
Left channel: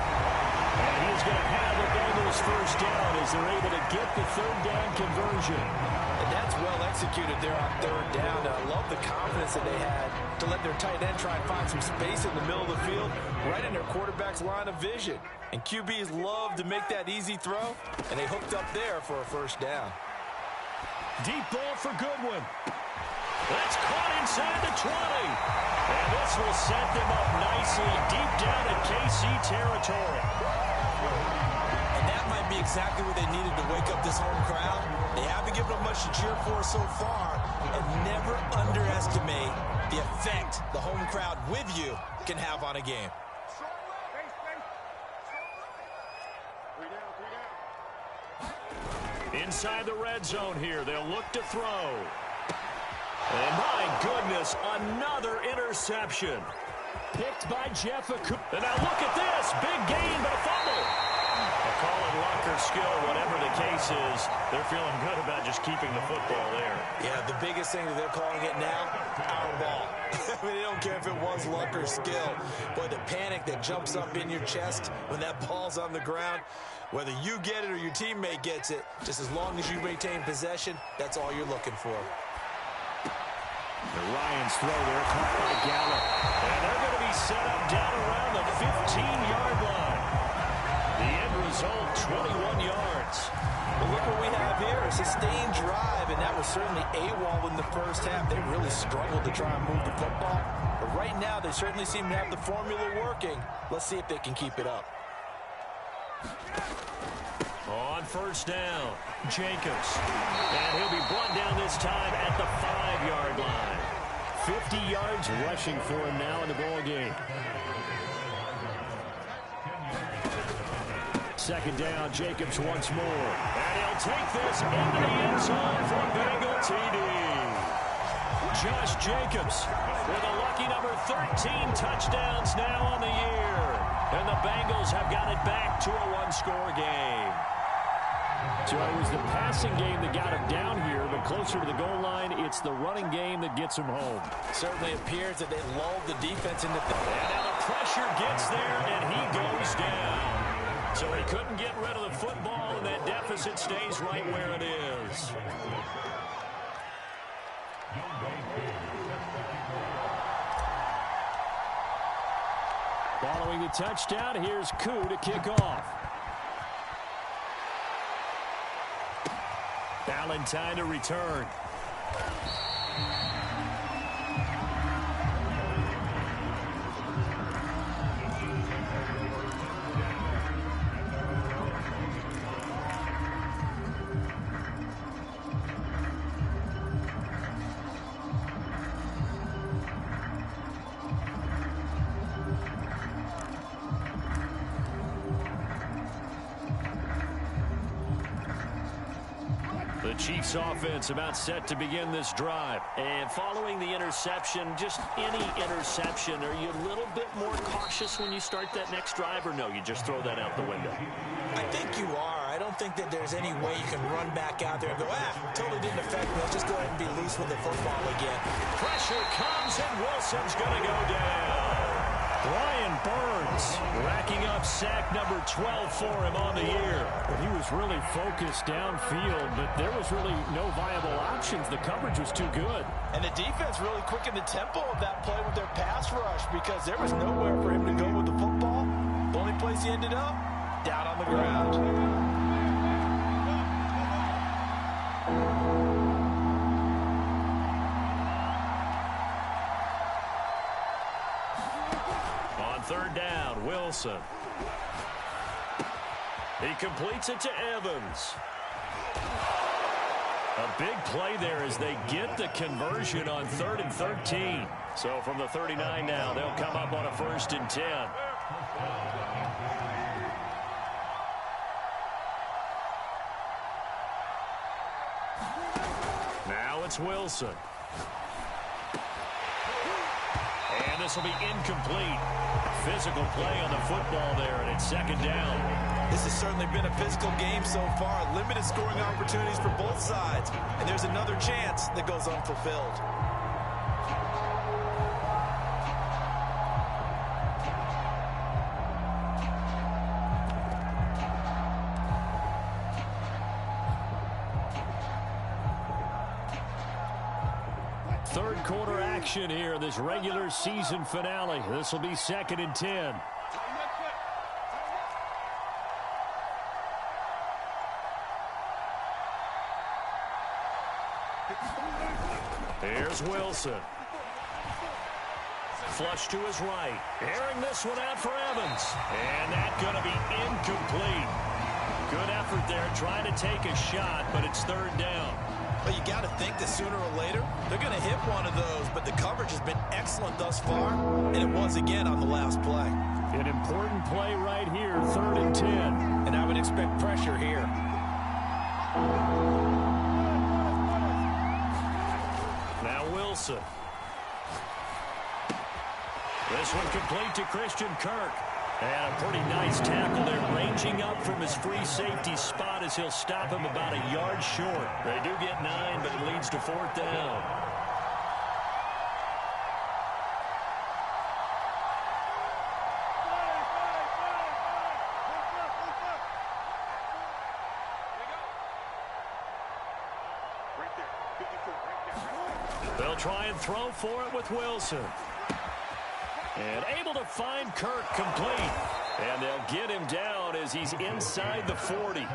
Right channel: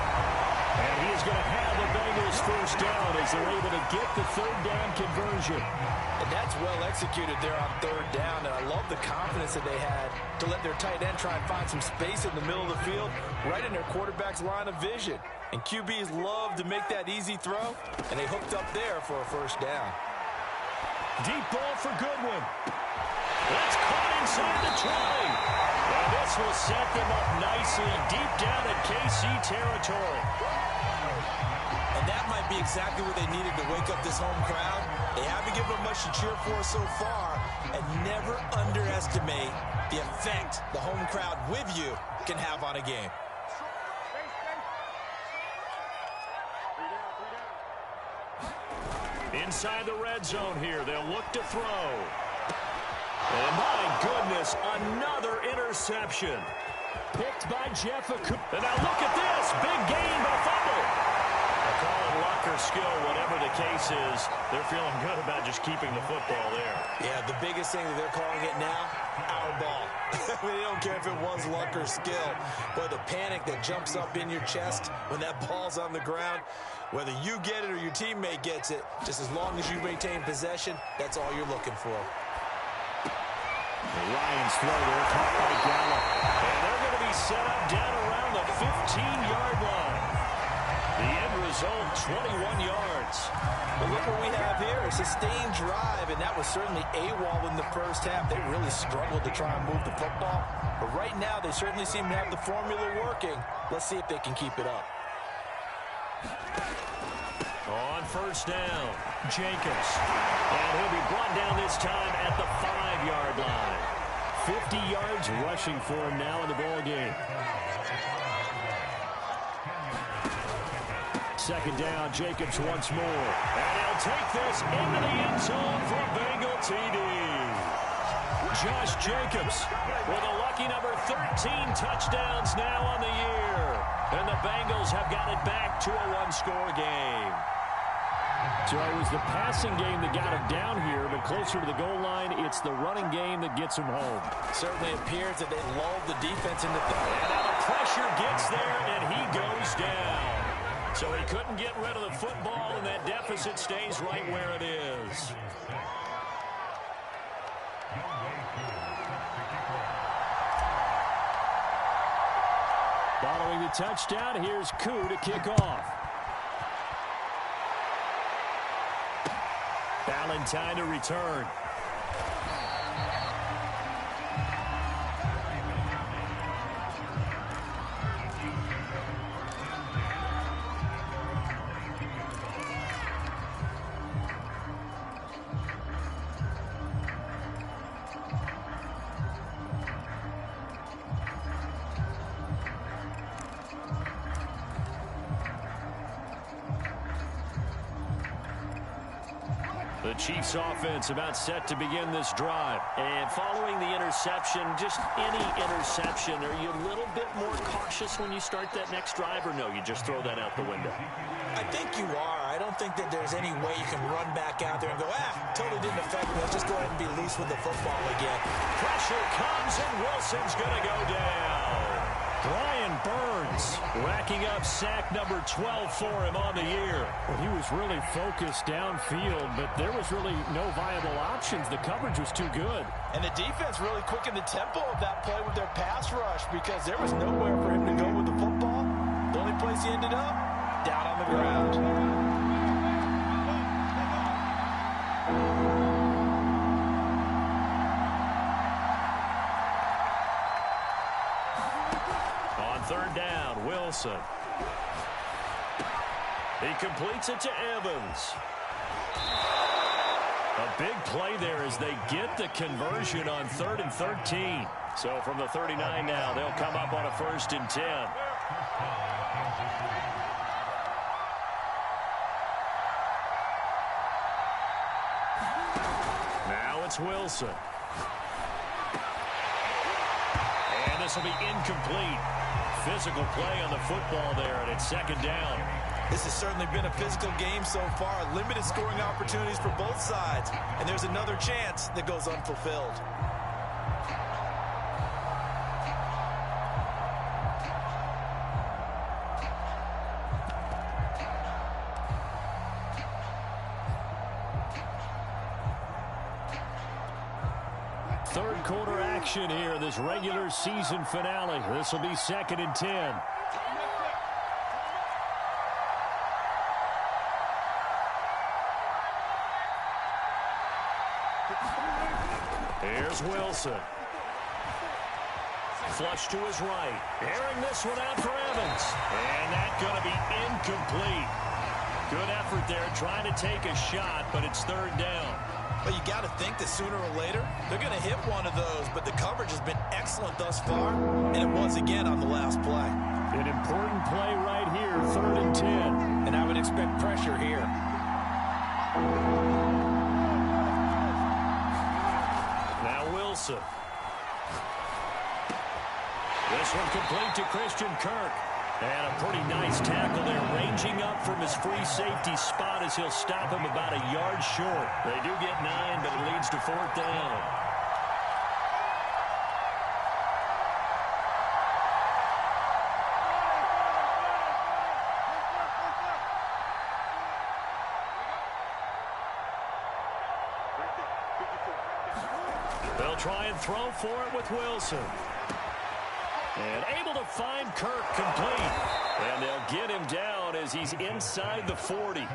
And he is going to have the Bengals 1st down as they're able to get the 3rd down conversion. And that's well executed there on 3rd down. And I love the confidence that they had to let their tight end try and find some space in the middle of the field, right in their quarterback's line of vision. And QBs love to make that easy throw, and they hooked up there for a 1st down. Deep ball for Goodwin. That's caught inside the 20. And this will set them up nicely deep down at KC territory. And that might be exactly what they needed to wake up this home crowd. They haven't given them much to cheer for so far. And never underestimate the effect the home crowd with you can have on a game. Inside the red zone here, they'll look to throw. And my goodness, another interception. Picked by Jeff Okuda. And now look at this. Big gain, but a fumble. They'll call it luck or skill, whatever the case is. They're feeling good about just keeping the football there. Yeah, the biggest thing that they're calling it now, our ball. I mean, they don't care if it was luck or skill. But the panic that jumps up in your chest when that ball's on the ground, whether you get it or your teammate gets it, just as long as you maintain possession, that's all you're looking for. Ryan's throw there, caught by Gallup. And they're going to be set up down around the 15-yard line. The end result, 21 yards. Well, look what we have here, a sustained drive, and that was certainly AWOL in the first half. They really struggled to try and move the football. But right now, they certainly seem to have the formula working. Let's see if they can keep it up. On 1st down, Jacobs. And he'll be brought down this time at the 5-yard line. 50 yards rushing for him now in the ball game. 2nd down, Jacobs once more. And he'll take this into the end zone for a Bengal TD. Josh Jacobs with a lucky number 13 touchdowns now on the year. And the Bengals have got it back to a 1-score game. So it was the passing game that got him down here, but closer to the goal line, it's the running game that gets him home. Certainly appears that they lulled the defense into and now the pressure gets there, and he goes down. So he couldn't get rid of the football, and that deficit stays right where it is. Following the touchdown, here's Koo to kick off. Valentine to return. The Chiefs offense about set to begin this drive. And following the interception, just any interception, are you a little bit more cautious when you start that next drive, or no, you just throw that out the window? I think you are. I don't think that there's any way you can run back out there and go, totally didn't affect me. Let's just go ahead and be loose with the football again. Pressure comes, and Wilson's going to go down. Brian Burns racking up sack number 12 for him on the year. Well, he was really focused downfield, but there was really no viable options. The coverage was too good. And the defense really quickened the tempo of that play with their pass rush because there was nowhere for him to go with the football. The only place he ended up, down on the ground. Third down, Wilson. He completes it to Evans. A big play there as they get the conversion on 3rd and 13. So from the 39 now, they'll come up on a 1st and 10. Now it's Wilson. And this will be incomplete. Physical play on the football there, and it's 2nd down. This has certainly been a physical game so far. Limited scoring opportunities for both sides. And there's another chance that goes unfulfilled. Third quarter action here, this regular season finale. This will be 2nd and 10. Here's Wilson. Flush to his right. Airing this one out for Evans. And that's going to be incomplete. Good effort there trying to take a shot, but it's 3rd down. But you got to think that sooner or later, they're going to hit one of those. But the coverage has been excellent thus far, and it was again on the last play. An important play right here, 3rd and 10. And I would expect pressure here. Now Wilson. This one complete to Christian Kirk. And a pretty nice tackle there, ranging up from his free safety spot as he'll stop him about a yard short. They do get 9, but it leads to 4th down. They'll try and throw for it with Wilson. And able to find Kirk complete. And they'll get him down as he's inside the 40.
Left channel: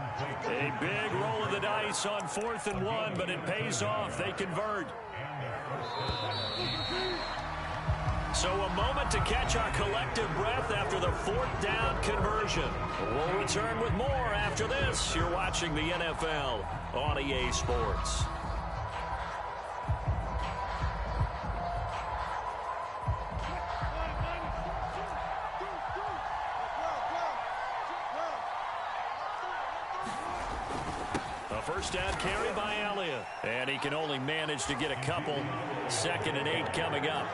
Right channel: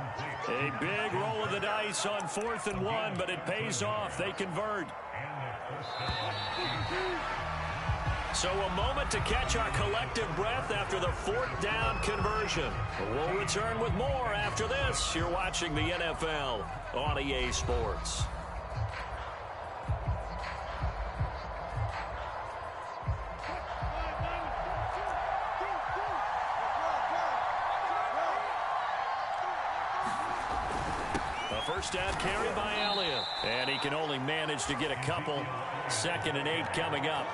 A big roll of the dice on 4th and 1, but it pays off. They convert. So a moment to catch our collective breath after the 4th down conversion. We'll return with more after this. You're watching the NFL on EA Sports. First down carry by Elliott. And he can only manage to get a couple. 2nd and 8 coming up.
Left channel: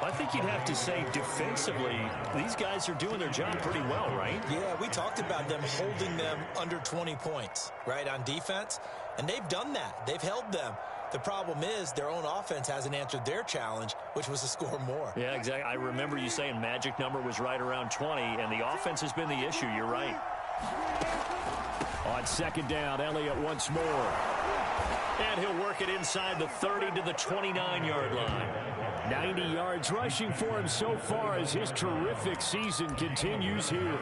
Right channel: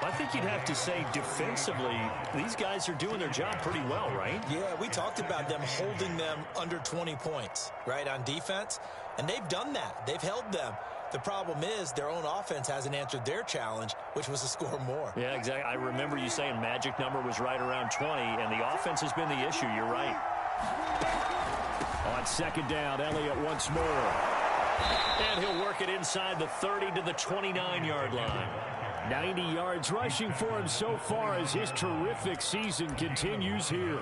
I think you'd have to say defensively, these guys are doing their job pretty well, right? Yeah, we talked about them holding them under 20 points, right, on defense. And they've done that. They've held them. The problem is their own offense hasn't answered their challenge, which was to score more. Yeah, exactly. I remember you saying magic number was right around 20, and the offense has been the issue. You're right. On 2nd down, Elliott once more. And he'll work it inside the 30 to the 29-yard line. 90 yards rushing for him so far as his terrific season continues here.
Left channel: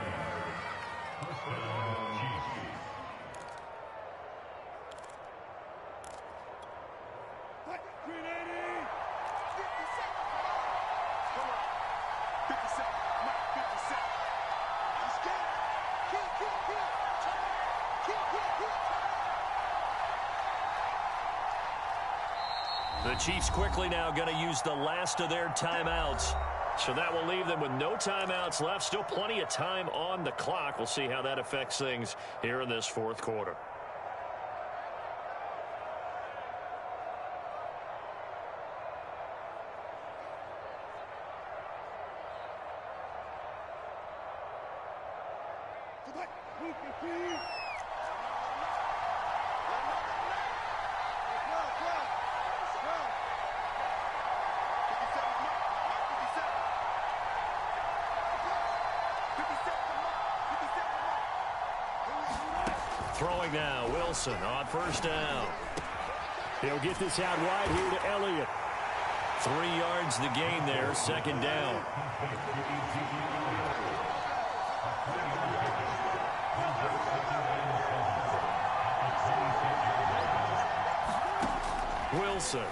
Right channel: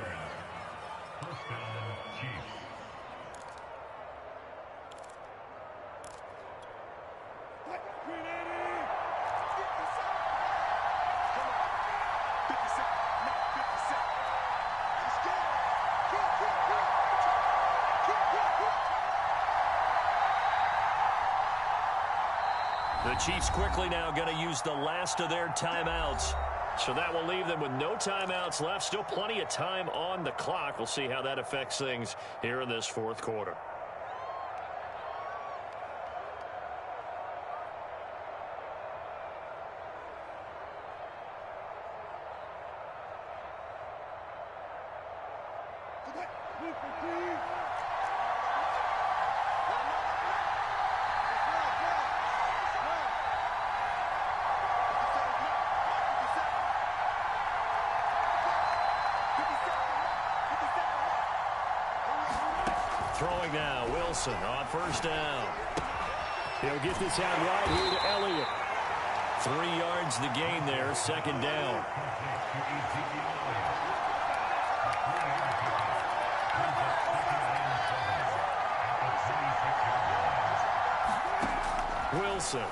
The Chiefs quickly now going to use the last of their timeouts. So that will leave them with no timeouts left. Still plenty of time on the clock. We'll see how that affects things here in this 4th quarter. Throwing now, Wilson on first down. He'll get this out wide here to Elliott. 3 yards the gain there, second down. Wilson.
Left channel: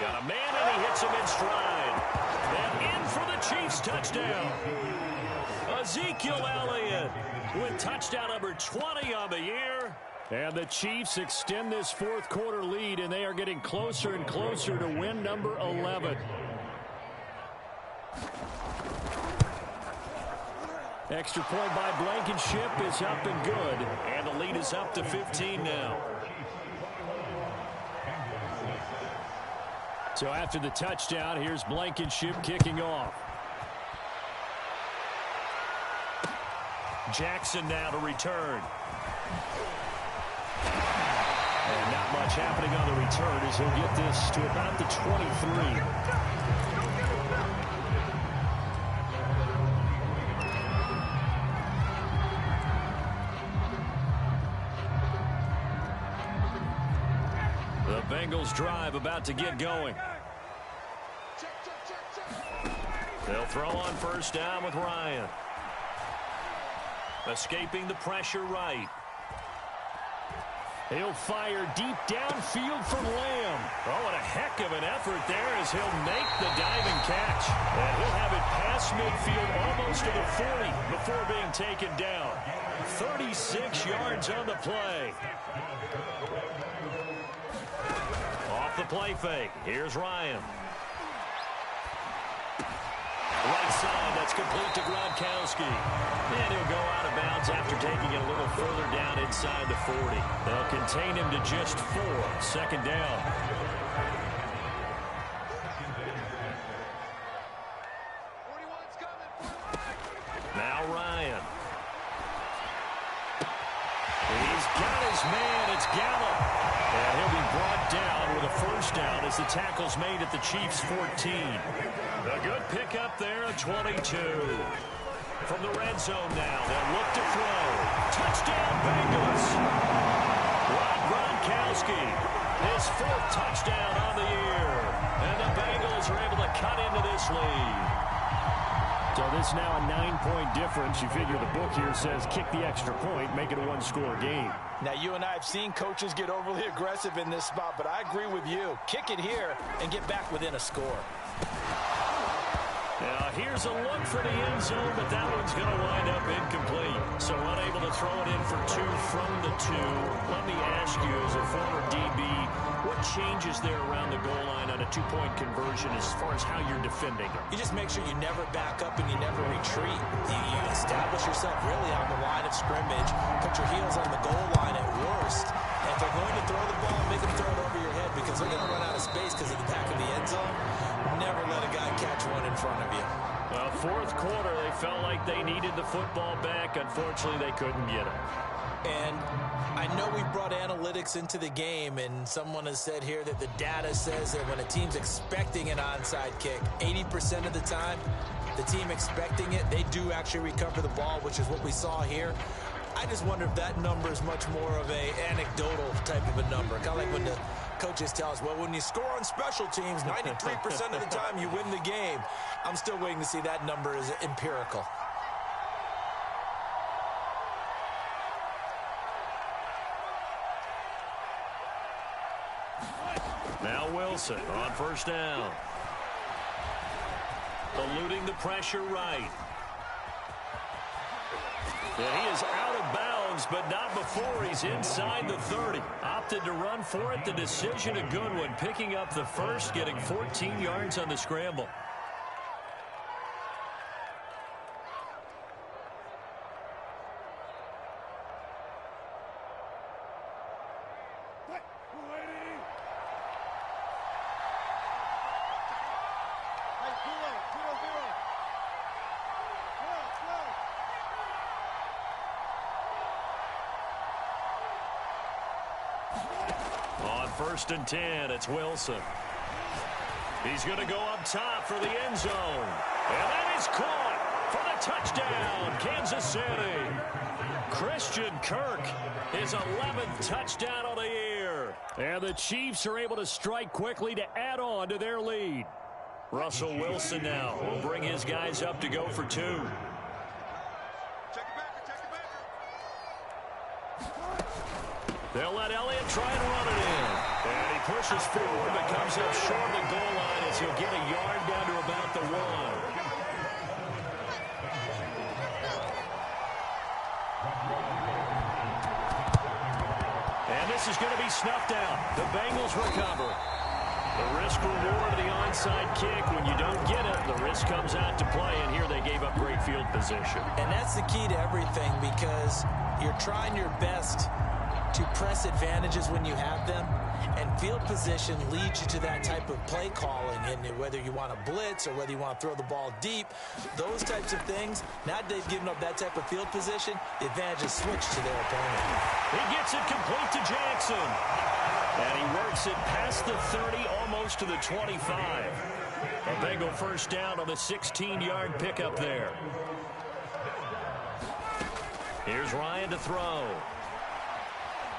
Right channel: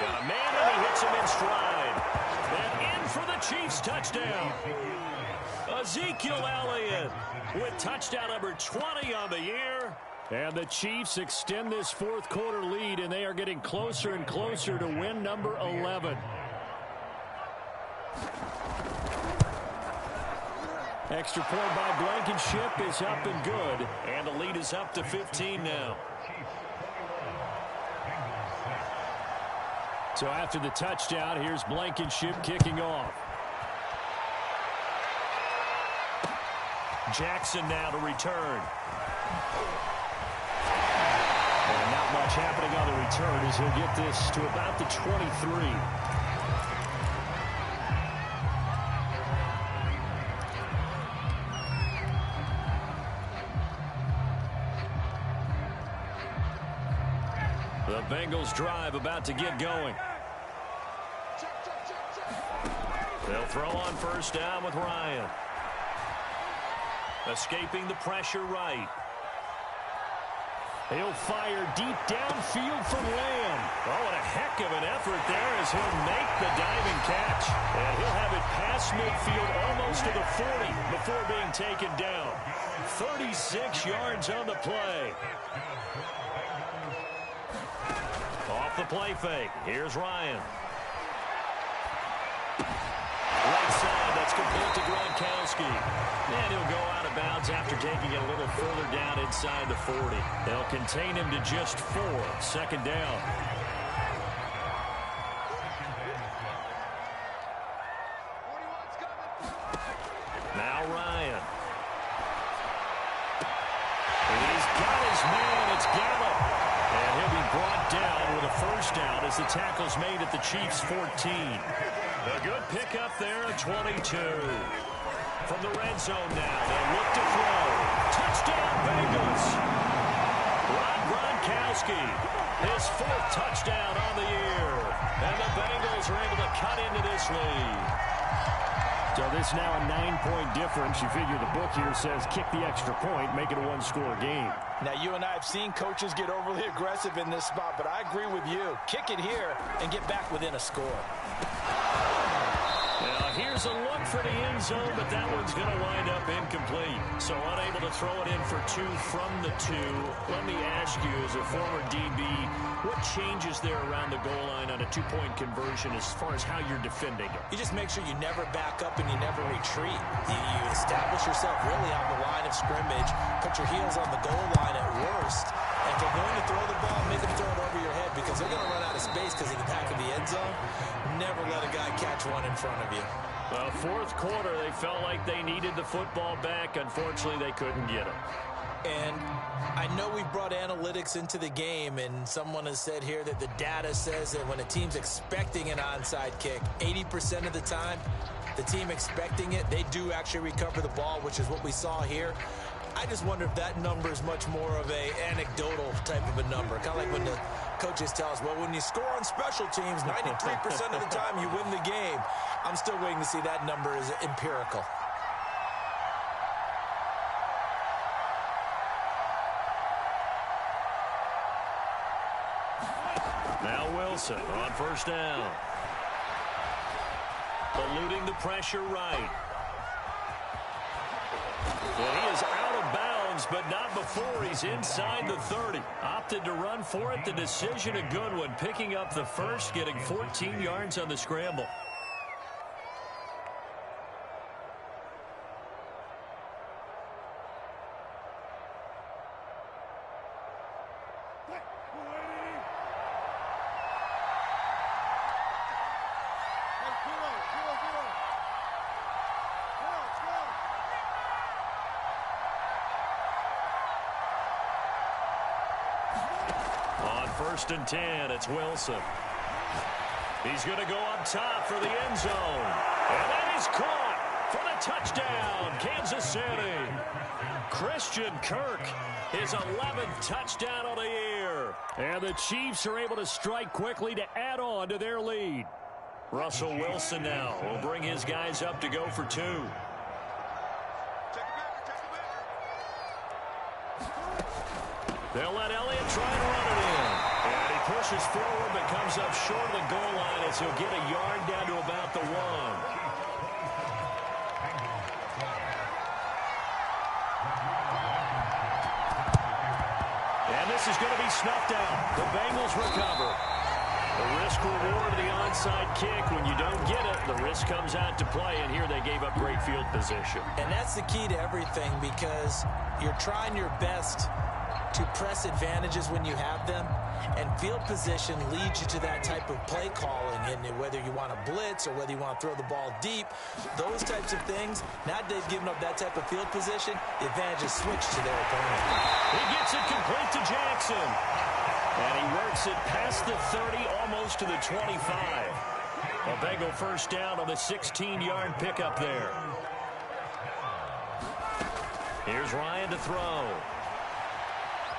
Got a man, and he hits him in stride. And in for the Chiefs touchdown. Ezekiel Elliott with touchdown number 20 on the year. And the Chiefs extend this fourth quarter lead, and they are getting closer and closer to win number 11. Extra point by Blankenship is up and good. And the lead is up to 15 now. So after the touchdown, here's Blankenship kicking off. Jackson now to return. And not much happening on the return as he'll get this to about the 23. The Bengals drive about to get going. They'll throw on first down with Ryan. Escaping the pressure right. He'll fire deep downfield from Lamb. Oh, and a heck of an effort there as he'll make the diving catch. And he'll have it past midfield almost to the 40 before being taken down. 36 yards on the play. Off the play fake. Here's Ryan. Right side, that's complete to Gronkowski. And he'll go out of bounds after taking it a little further down inside the 40. They'll contain him to just 4. Second down. Now Ryan. He's got his man. It's Gallup. And he'll be brought down with a first down as the tackle's made at the Chiefs' 14. A good pickup there at 22. From the red zone now, they'll look to throw. Touchdown, Bengals. Rob Gronkowski, his 4th touchdown on the year. And the Bengals are able to cut into this lead. So this now a 9-point difference. You figure the book here says kick the extra point, make it a 1-score game. Now, you and I have seen coaches get overly aggressive in this spot, but I agree with you. Kick it here and get back within a score. Now, here's a look for the end zone, but that one's going to wind up incomplete. So unable to throw it in for 2 from the 2. Let me ask you, as a former DB, what changes there around the goal line on a 2-point conversion as far as how you're defending it? You just make sure you never back up and you never retreat. You establish yourself really on the line of scrimmage, put your heels on the goal line at worst, and if they're going to throw the ball, make them throw it over your head because they're going to run out of space because of the back of the end zone. Never let a guy catch one in front of you. Well, fourth quarter, they felt like they needed the football back. Unfortunately, they couldn't get it. And I know we brought analytics into the game, and someone has said here that the data says that when a team's expecting an onside kick, 80% of the time, the team expecting it, they do actually recover the ball, which is what we saw here. I just wonder if that number is much more of a anecdotal type of a number. Kind of like when the coaches tell us, well, when you score on special teams, 93% of the time you win the game. I'm still waiting to see that number is empirical. Now Wilson on first down. Eluding the pressure right. And he is out of bounds, but not before he's inside the 30. Opted to run for it. The decision a good one. Picking up the first, getting 14 yards on the scramble. On 1st and 10, it's Wilson. He's going to go up top for the end zone. And that is caught for the touchdown, Kansas City. Christian Kirk, his 11th touchdown of the year. And the Chiefs are able to strike quickly to add on to their lead. Russell Wilson now will bring his guys up to go for 2. They'll let Elliott try and run it in. And he pushes forward but comes up short of the goal line as he'll get a yard down to about the 1. And this is going to be snuffed out. The Bengals recover. The risk-reward of the onside kick. When you don't get it, the risk comes out to play, and here they gave up great field position. And that's the key to everything, because you're trying your best to press advantages when you have them, and field position leads you to that type of play calling. And whether you want to blitz or whether you want to throw the ball deep, those types of things, now that they've given up that type of field position, the advantage is switched to their opponent. He gets it complete to Jackson. And he works it past the 30, almost to the 25. A Bengal first down on the 16-yard pickup there. Here's Ryan to throw.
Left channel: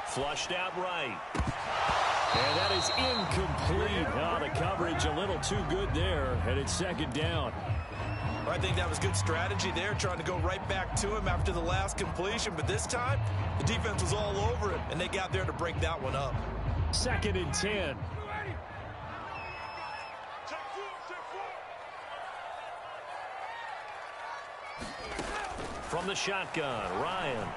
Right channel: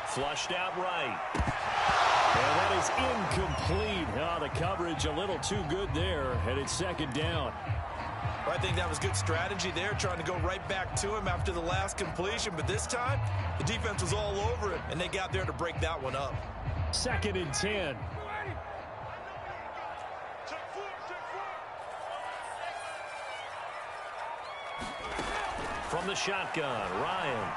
Flushed out right. And that is incomplete. Oh, the coverage a little too good there, and it's second down. I think that was good strategy there, trying to go right back to him after the last completion. But this time, the defense was all over him, and they got there to break that one up. 2nd and 10. From the shotgun, Ryan.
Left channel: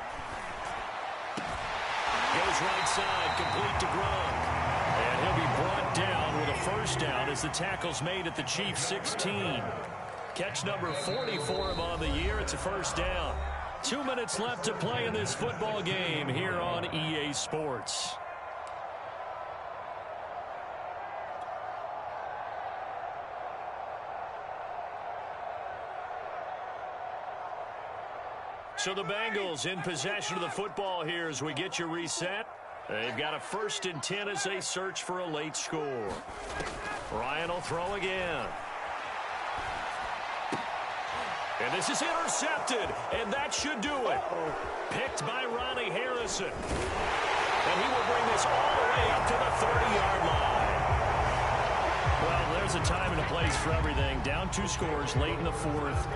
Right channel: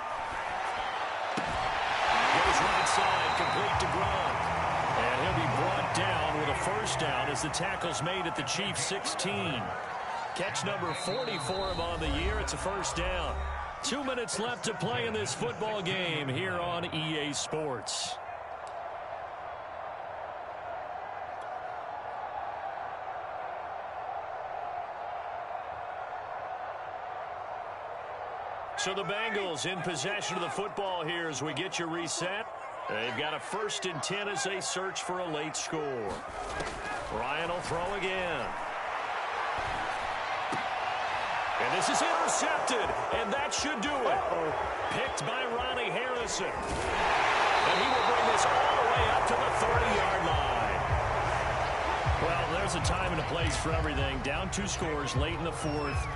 Goes right side, complete to Gronk. And he'll be brought down with a first down as the tackle's made at the Chiefs' 16. Catch number 40 for him on the year. It's a first down. 2 minutes left to play in this football game here on EA Sports. So the Bengals in possession of the football here as we get you reset. They've got a 1st and 10 as they search for a late score. Ryan will throw again. And this is intercepted, and that should do it. Picked by Ronnie Harrison. And he will bring this all the way up to the 30-yard line. Well, there's a time and a place for everything. Down 2 scores late in the 4th.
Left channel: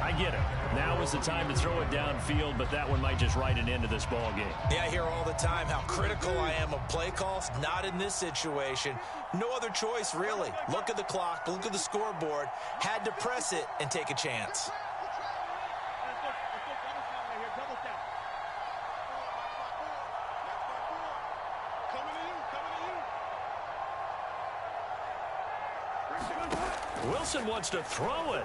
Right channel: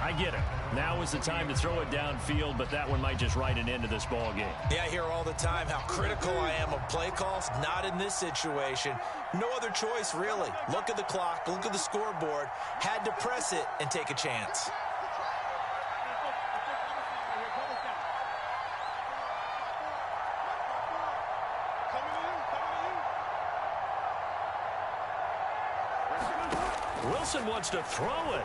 I get it. Now is the time to throw it downfield, but that one might just write an end to this ball game. Yeah, I hear all the time how critical I am of play calls. Not in this situation. No other choice, really. Look at the clock. Look at the scoreboard. Had to press it and take a chance. Wilson wants to throw it.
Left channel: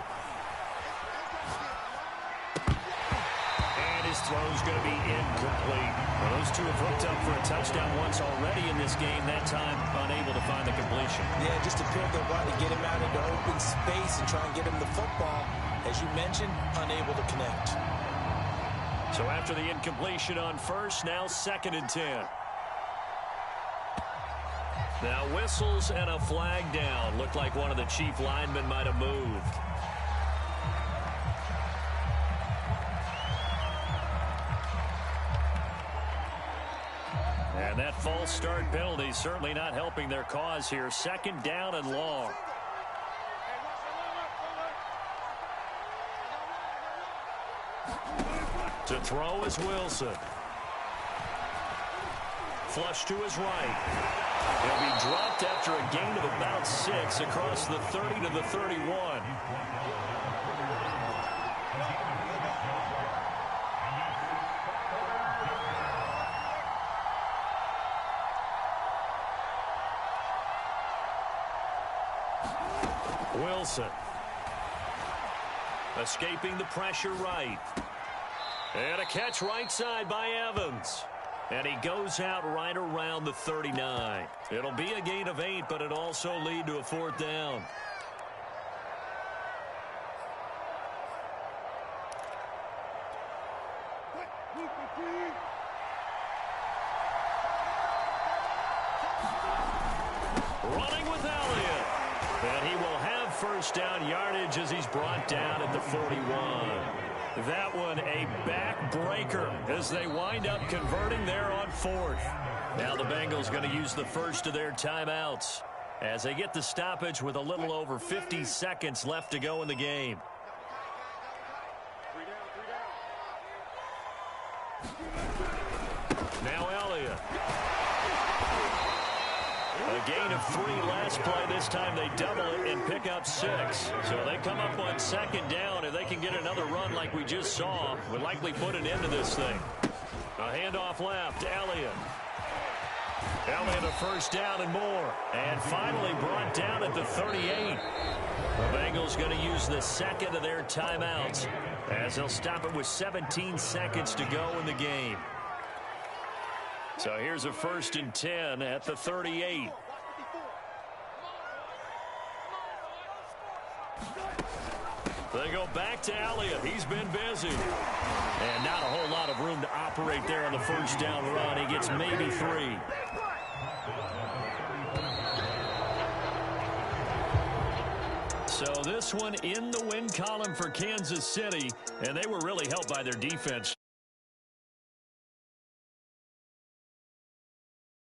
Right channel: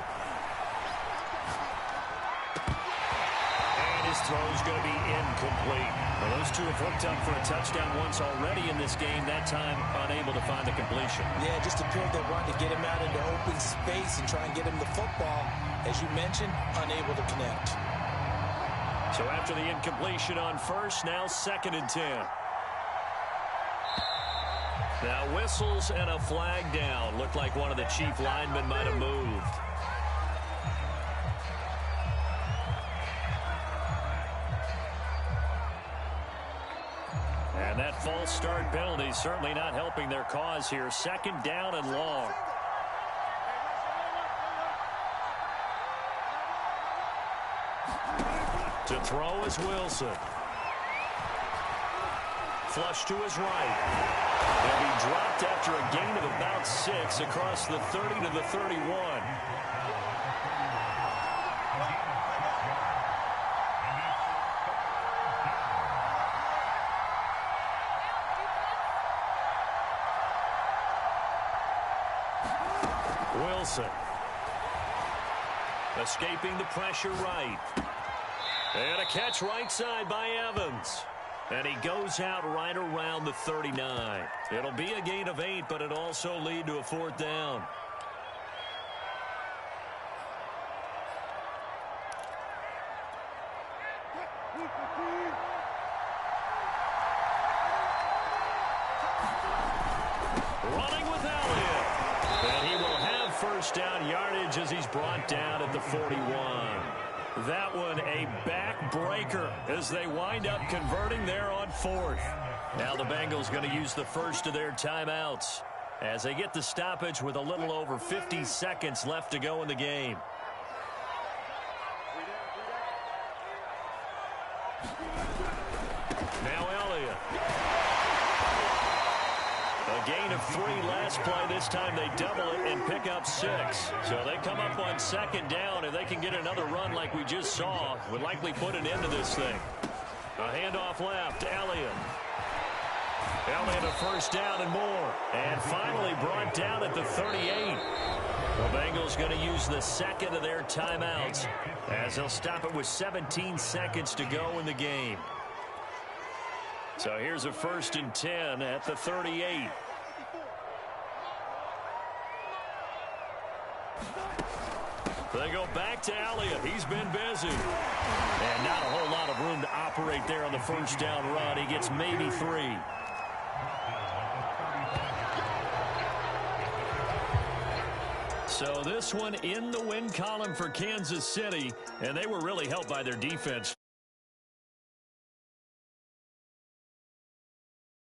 His throw is going to be incomplete. Well, those two have hooked up for a touchdown once already in this game, that time unable to find the completion. Yeah, just appeared they wanted to get him out into open space and try and get him the football. As you mentioned, unable to connect. So after the incompletion on first, now 2nd and 10. Now whistles and a flag down. Looked like one of the Chief linemen might have moved. And that false start penalty certainly not helping their cause here. 2nd down and long. To throw is Wilson. Flush to his right. He'll be dropped after a gain of about 6 across the 30 to the 31. Wilson. Escaping the pressure right. And a catch right side by Evans. And he goes out right around the 39. It'll be a gain of 8, but it also lead to a 4th down. Running with Elliott. And he will have first down yardage as he's brought down at the 41. That one a backbreaker as they wind up converting there on 4th. Now the Bengals going to use the first of their timeouts as they get the stoppage with a little over 50 seconds left to go in the game. Now Elliott. A gain of 3 last play. This time they double it and pick up 6. So they come up on 2nd down. If they can get another run like we just saw, would likely put an end to this thing. A handoff left. Elliott. Elliott a first down and more. And finally brought down at the 38. The Bengals going to use the second of their timeouts as they'll stop it with 17 seconds to go in the game. So here's a 1st and 10 at the 38. They go back to Elliott. He's been busy. And not a whole lot of room to operate there on the first down run. He gets maybe 3. So this one in the win column for Kansas City, and they were really helped by their defense.